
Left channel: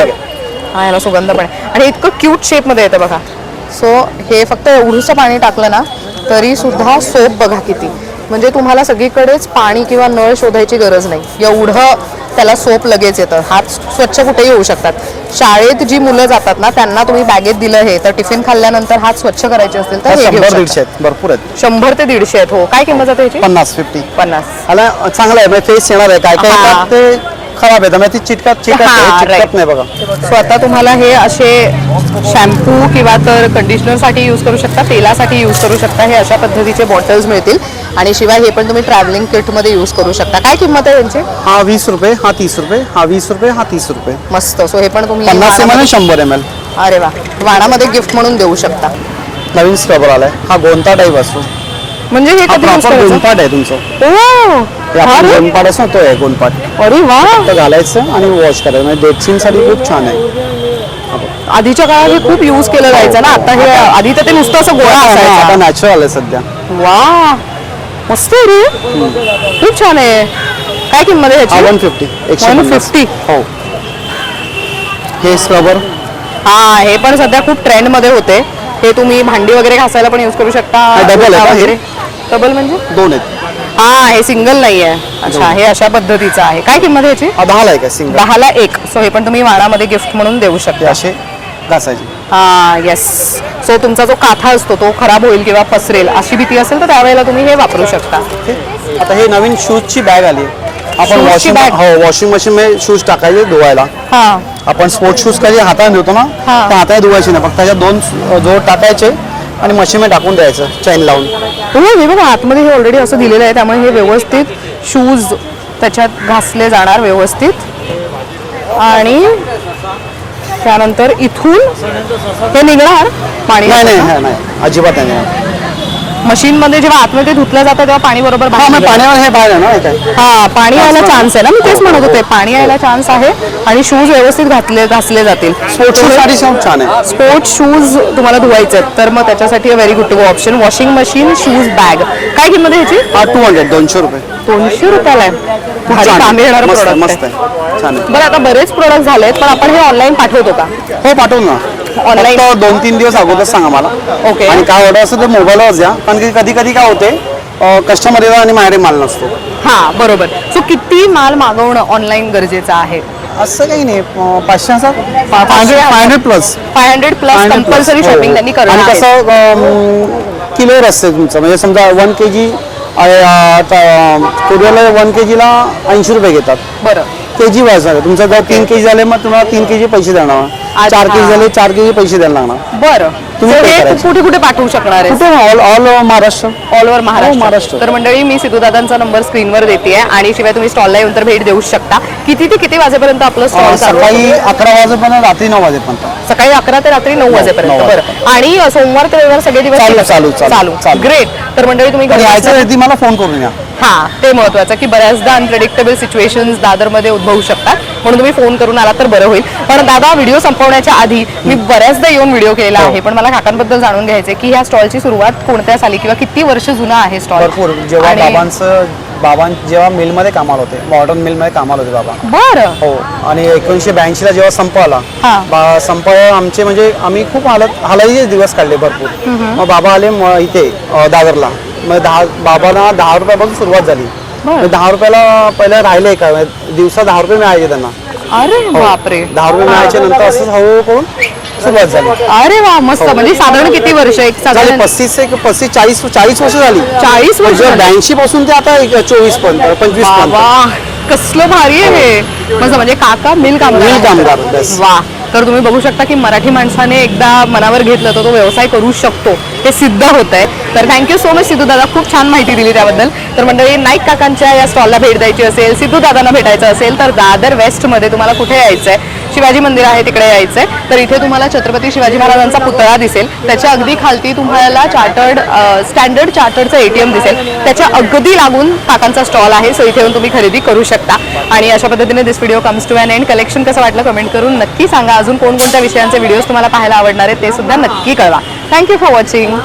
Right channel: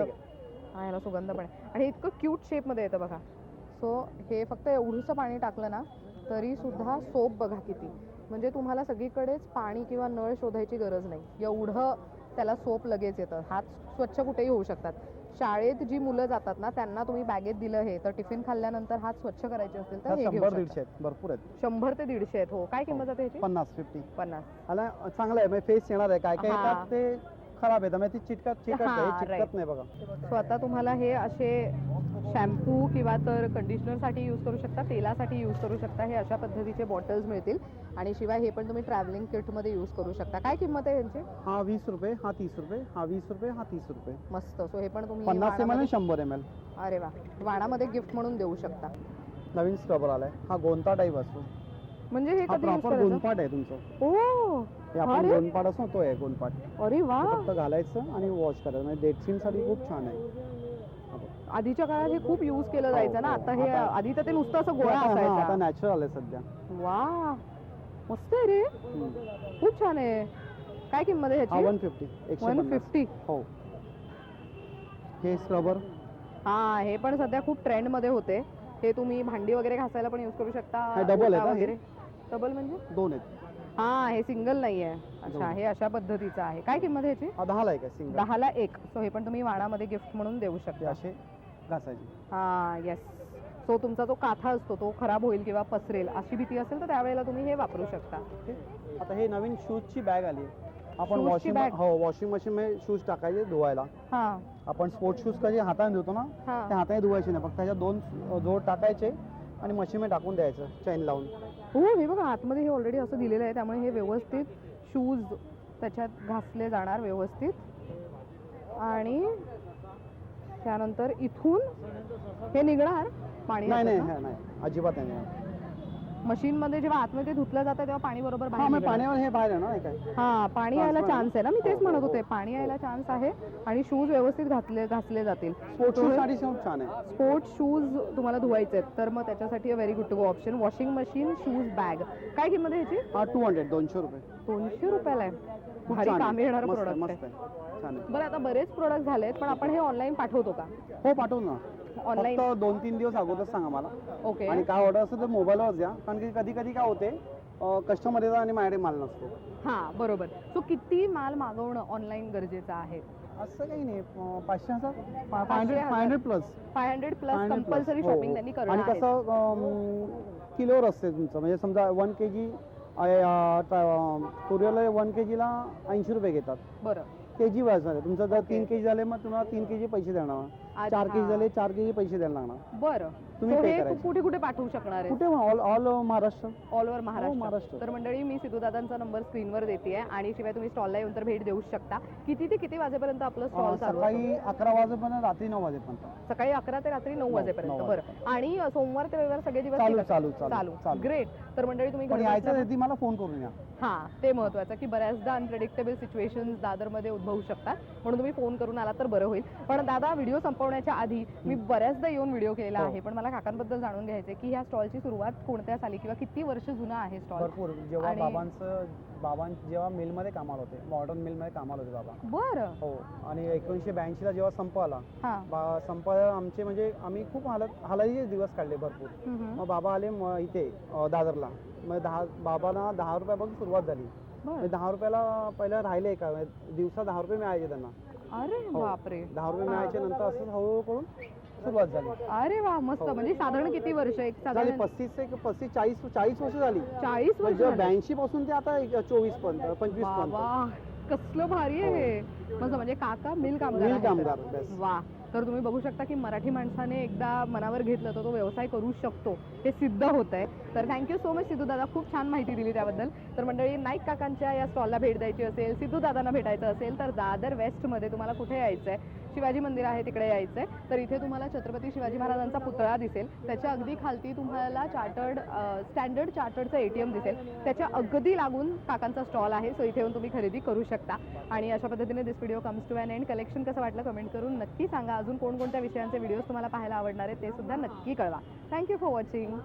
हा, याला सुगंध पण आहे आणि इतकं क्यूट शेप मध्ये येतं बघा. सो हे फक्त एवढंसं पाणी टाकलं ना तरी सुद्धा सोप बघा किती, म्हणजे तुम्हाला सगळीकडेच पाणी किंवा नळ शोधायची गरज नाही, एवढं त्याला सोप लगेच येतं. हात स्वच्छ कुठेही होऊ शकतात. शाळेत जी मुलं जातात ना त्यांना तुम्ही बॅगेत दिलं हे तर टिफिन खाल्ल्यानंतर हात स्वच्छ करायचे असतील तर हे घेऊ 100-150 शकता. आहेत, भरपूर आहेत. 100 ते 150 आहेत. हो, काय किंमत जाते याची? 50-50. 50. आला चांगलं आहे, म्हणजे फेस येणार आहे. काय काय हा. येतात ते खराब येतं, म्हणजे ती चिटकत हा, चिटकत right. नाही बघा. सो आता तुम्हाला हे असे शॅम्पू किंवा तर कंडिशनरसाठी यूज करू शकता, तेलासाठी यूज करू शकता. हे अशा पद्धतीचे बॉटल्स मिळतील आणि शिवाय हे पण तुम्ही ट्रॅव्हलिंग किटमध्ये यूज करू शकता. काय किंमत आहे यांची? हा 20 रुपये, हा 30 रुपये, हा 20 रुपये, हा 30 रुपये. मस्त. सो हे पण तुम्ही 50 ml आणि वाणामध्ये- 100 ml. अरे वा, वाणामध्ये गिफ्ट म्हणून देऊ शकता. नवीन स्क्रबर आलाय, हा गोंता टाईप असतो. म्हणजे हे हा कधी यूज प्रॉपर करायचं? गोंदपाट आहे तुमचं. ओ, हे आपण अरे गोंदपाट असतो तो आहे गोंदपाट. अरे वा, तर घालायचं आणि वॉश करायचं, म्हणजे डेटसिंगसाठी खूप छान आहे. आधीच्या काळात हे खूप यूज केलं जायचं ना. आता हे आधी तर ते नुसतं असं गोळा आता असायचा. नॅचरल आहे सध्या. वा, मस्त आहे रे, खूप छान आहे. काय किंमत आहे हा ह्याची? 150, 150. 150. हो. हे स्क्रबर हा, हे पण सध्या खूप ट्रेंड मध्ये होते. हे तुम्ही भांडी वगैरे घासायला पण यूज करू शकता. हा, double आहे का हे? वगैरे. डबल म्हणजे? 2 आहेत. हा, हे सिंगल नाहीये. अच्छा, हे अशा पद्धतीचं आहे. काय किंमत आहे याची? 10 आहे का सिंगल? 10ला 1. सो हे पण तुम्ही वाणामध्ये गिफ्ट म्हणून देऊ ते शकता. असे घासायचे. हा, येस. सो तुमचा जो काथा असतो तो खराब होईल किंवा पसरेल अशी भीती असेल तर त्यावेळेला तुम्ही हे वापरू शकता. ओके. आता हे नवीन शूजची बॅग आली. आपण शूजची वॉशिंग बॅग? हो वॉशिंग मशीन मध्ये शूज टाकायचे धुवायला. हा, आपण स्पोर्ट्स शूज कधी हाताने धुतो ना, हा. त्या हाताने धुवायचे नाही, फक्त त्याच्यात 2 जोड टाकायचे आणि मशीनमध्ये टाकून द्यायचं चैन लावून. हो, हे बघा आतमध्ये हे ऑलरेडी असं दिलेलं आहे, त्यामुळे हे व्यवस्थित शूज त्याच्यात घासले जाणार व्यवस्थित आणि त्यानंतर इथून हे निघणार पाणी. नाही नाही हा, नाही अजिबात नाही. मशीनमध्ये जेव्हा आतमध्ये धुतलं जातं तेव्हा पाणी बरोबर हा बाहेर मग निघणार. पाण्यावर हे बाहेर आहे ना हे काय. हा, पाणी यायला चान्स आहे ना, मी तेच म्हणत होते पाणी यायला चान्स आहे आणि शूज व्यवस्थित घासले जातील. स्पोर्ट्स शूज साठी खूप छान आहे. स्पोर्ट्स शूज तुम्हाला धुवायचे आहेत तर मग त्याच्यासाठी very good to go option washing machine shoes bag. काय किंमत आहे ह्याची? हा 200 रुपये. 200 रुपयाला आहे. भारी छान काम येणार मस्त प्रोडक्ट मस्त आहे. आहे, छान आहे. बरं, आता बरेच प्रोडक्ट झालेत पण आपण हे ऑनलाईन पाठवतो का? हो पाठवू ना. Online? फक्त 2-3 दिवस अगोदर सांगा मला. ओके. आणि काय ऑर्डर असेल तर मोबाईलवर द्या, कारण की कधी कधी काय होते कस्टमर येतात आणि माझ्याकडे माल नसतो. हा, बरोबर. सो किती माल मागवणं ऑनलाईन गरजेचं आहे? असं काही नाही. 500 500 प्लस 500 प्लस कंपल्सरी शॉपिंग त्यांनी करणं आणि आहे. कसं किलोवर असते तुमचं, म्हणजे समजा 1 kg कुरिअरला 1 kg ला 80 रुपये घेतात. बरं. केजी वाईज आहे तुमचं. जर 3 kg झाले मग तुम्हाला 3 kg पैसे देणार. 4 kg झाले 4 kg पैसे द्यायला लागणार. बरं, तुम्ही So pay हे करायचं. कुठे कुठे पाठवू शकणार आहे? कुठे all Maharashtra. All over Maharashtra. Maharashtra. तर मंडळी मी सिद्धू दादांचा नंबर स्क्रीनवर देते आणि शिवाय तुम्ही स्टॉलला येऊन तर भेट देऊ शकता. किती ते किती वाजेपर्यंत आपलं स्टॉल चालू आहे? सकाळी 11 वाजेपर्यंत रात्री 9 वाजेपर्यंत. सकाळी 11 ते रात्री 9 वाजेपर्यंत. 9 बरं, आणि सोमवार ते रविवार सगळे दिवस चालू. ग्रेट. तर मंडळी तुम्ही घरी यायचं बसल्या- आहे ती मला फोन करून या. हा, ते महत्वाचं की बऱ्याचदा अनप्रेडिक्टेबल सिच्युएशन्स दादरमध्ये उद्भवू शकतात, म्हणून तुम्ही फोन करून आला तर बरं होईल. पण दादा, व्हिडिओ संपवण्याच्या आधी मी बऱ्याचदा येऊन व्हिडिओ केलेला आहे, पण मला काकांबद्दल जाणून घ्यायचे की ह्या स्टॉलची सुरुवात कोणत्या साली किंवा किती वर्ष जुना आहे स्टॉल? भरपूर. जेव्हा बाबां जेव्हा मिलमध्ये कामाला होते, मॉडर्न मिलमध्ये कामाला होते बाबा. बरं. हो. आणि 1982 ला जेव्हा संप आला, हा. संप आमचे म्हणजे आम्ही खूप हालाचे दिवस काढले भरपूर. मग बाबा आले इथे दादरला. मग बाबांना 10 रुपयापासून सुरुवात झाली. बरं. 10 रुपयाला पहिला राहिले का दिवसा 10 रुपये मिळायचे त्यांना. अरे बापरे. 10 रुपये मिळायचे, नंतर असं हळूहळू करून सुरुवात झाली. अरे वा, मस्त. म्हणजे साधारण किती वर्ष? एक झाले साधारण 35-40 वर्ष झाली. 40 वर्ष झाली? 82 पासून ते आता 24 पर्यंत 25 पर्यंत. वा, कसलं भारी आहे हे. मस्त. म्हणजे काका मिल कामगार, बस. वा. तर तुम्ही बघू शकता की मराठी माणसाने एकदा मनावर घेतलं तर तो व्यवसाय करू शकतो, हे सिद्ध होत आहे. तर थँक्यू सो मच सिद्धू दादा, खूप छान माहिती दिली त्याबद्दल. तर मंडळी, नाईक काकांच्या या स्टॉलला भेट द्यायची असेल, सिद्धू दादांना भेटायचं असेल तर दादर वेस्टमध्ये तुम्हाला कुठे यायचं आहे? शिवाजी मंदिर आहे तिकडे यायचं आहे. तर इथे तुम्हाला छत्रपती शिवाजी महाराजांचा पुतळा दिसेल, त्याच्या अगदी खालती तुम्हाला स्टँडर्ड चार्टर्डचं ATM दिसेल, त्याच्या अगदी लागून काकांचा स्टॉल आहे. सो इथे येऊन तुम्ही खरेदी करू शकता. आणि अशा पद्धतीने this video comes to an end. Collection कसं वाटलं कमेंट करून नक्की सांगा. अजून कोणकोणत्या विषयांचे व्हिडिओज तुम्हाला पाहायला आवडणार आहेत ते सुद्धा नक्की कळवा. Thank you for watching.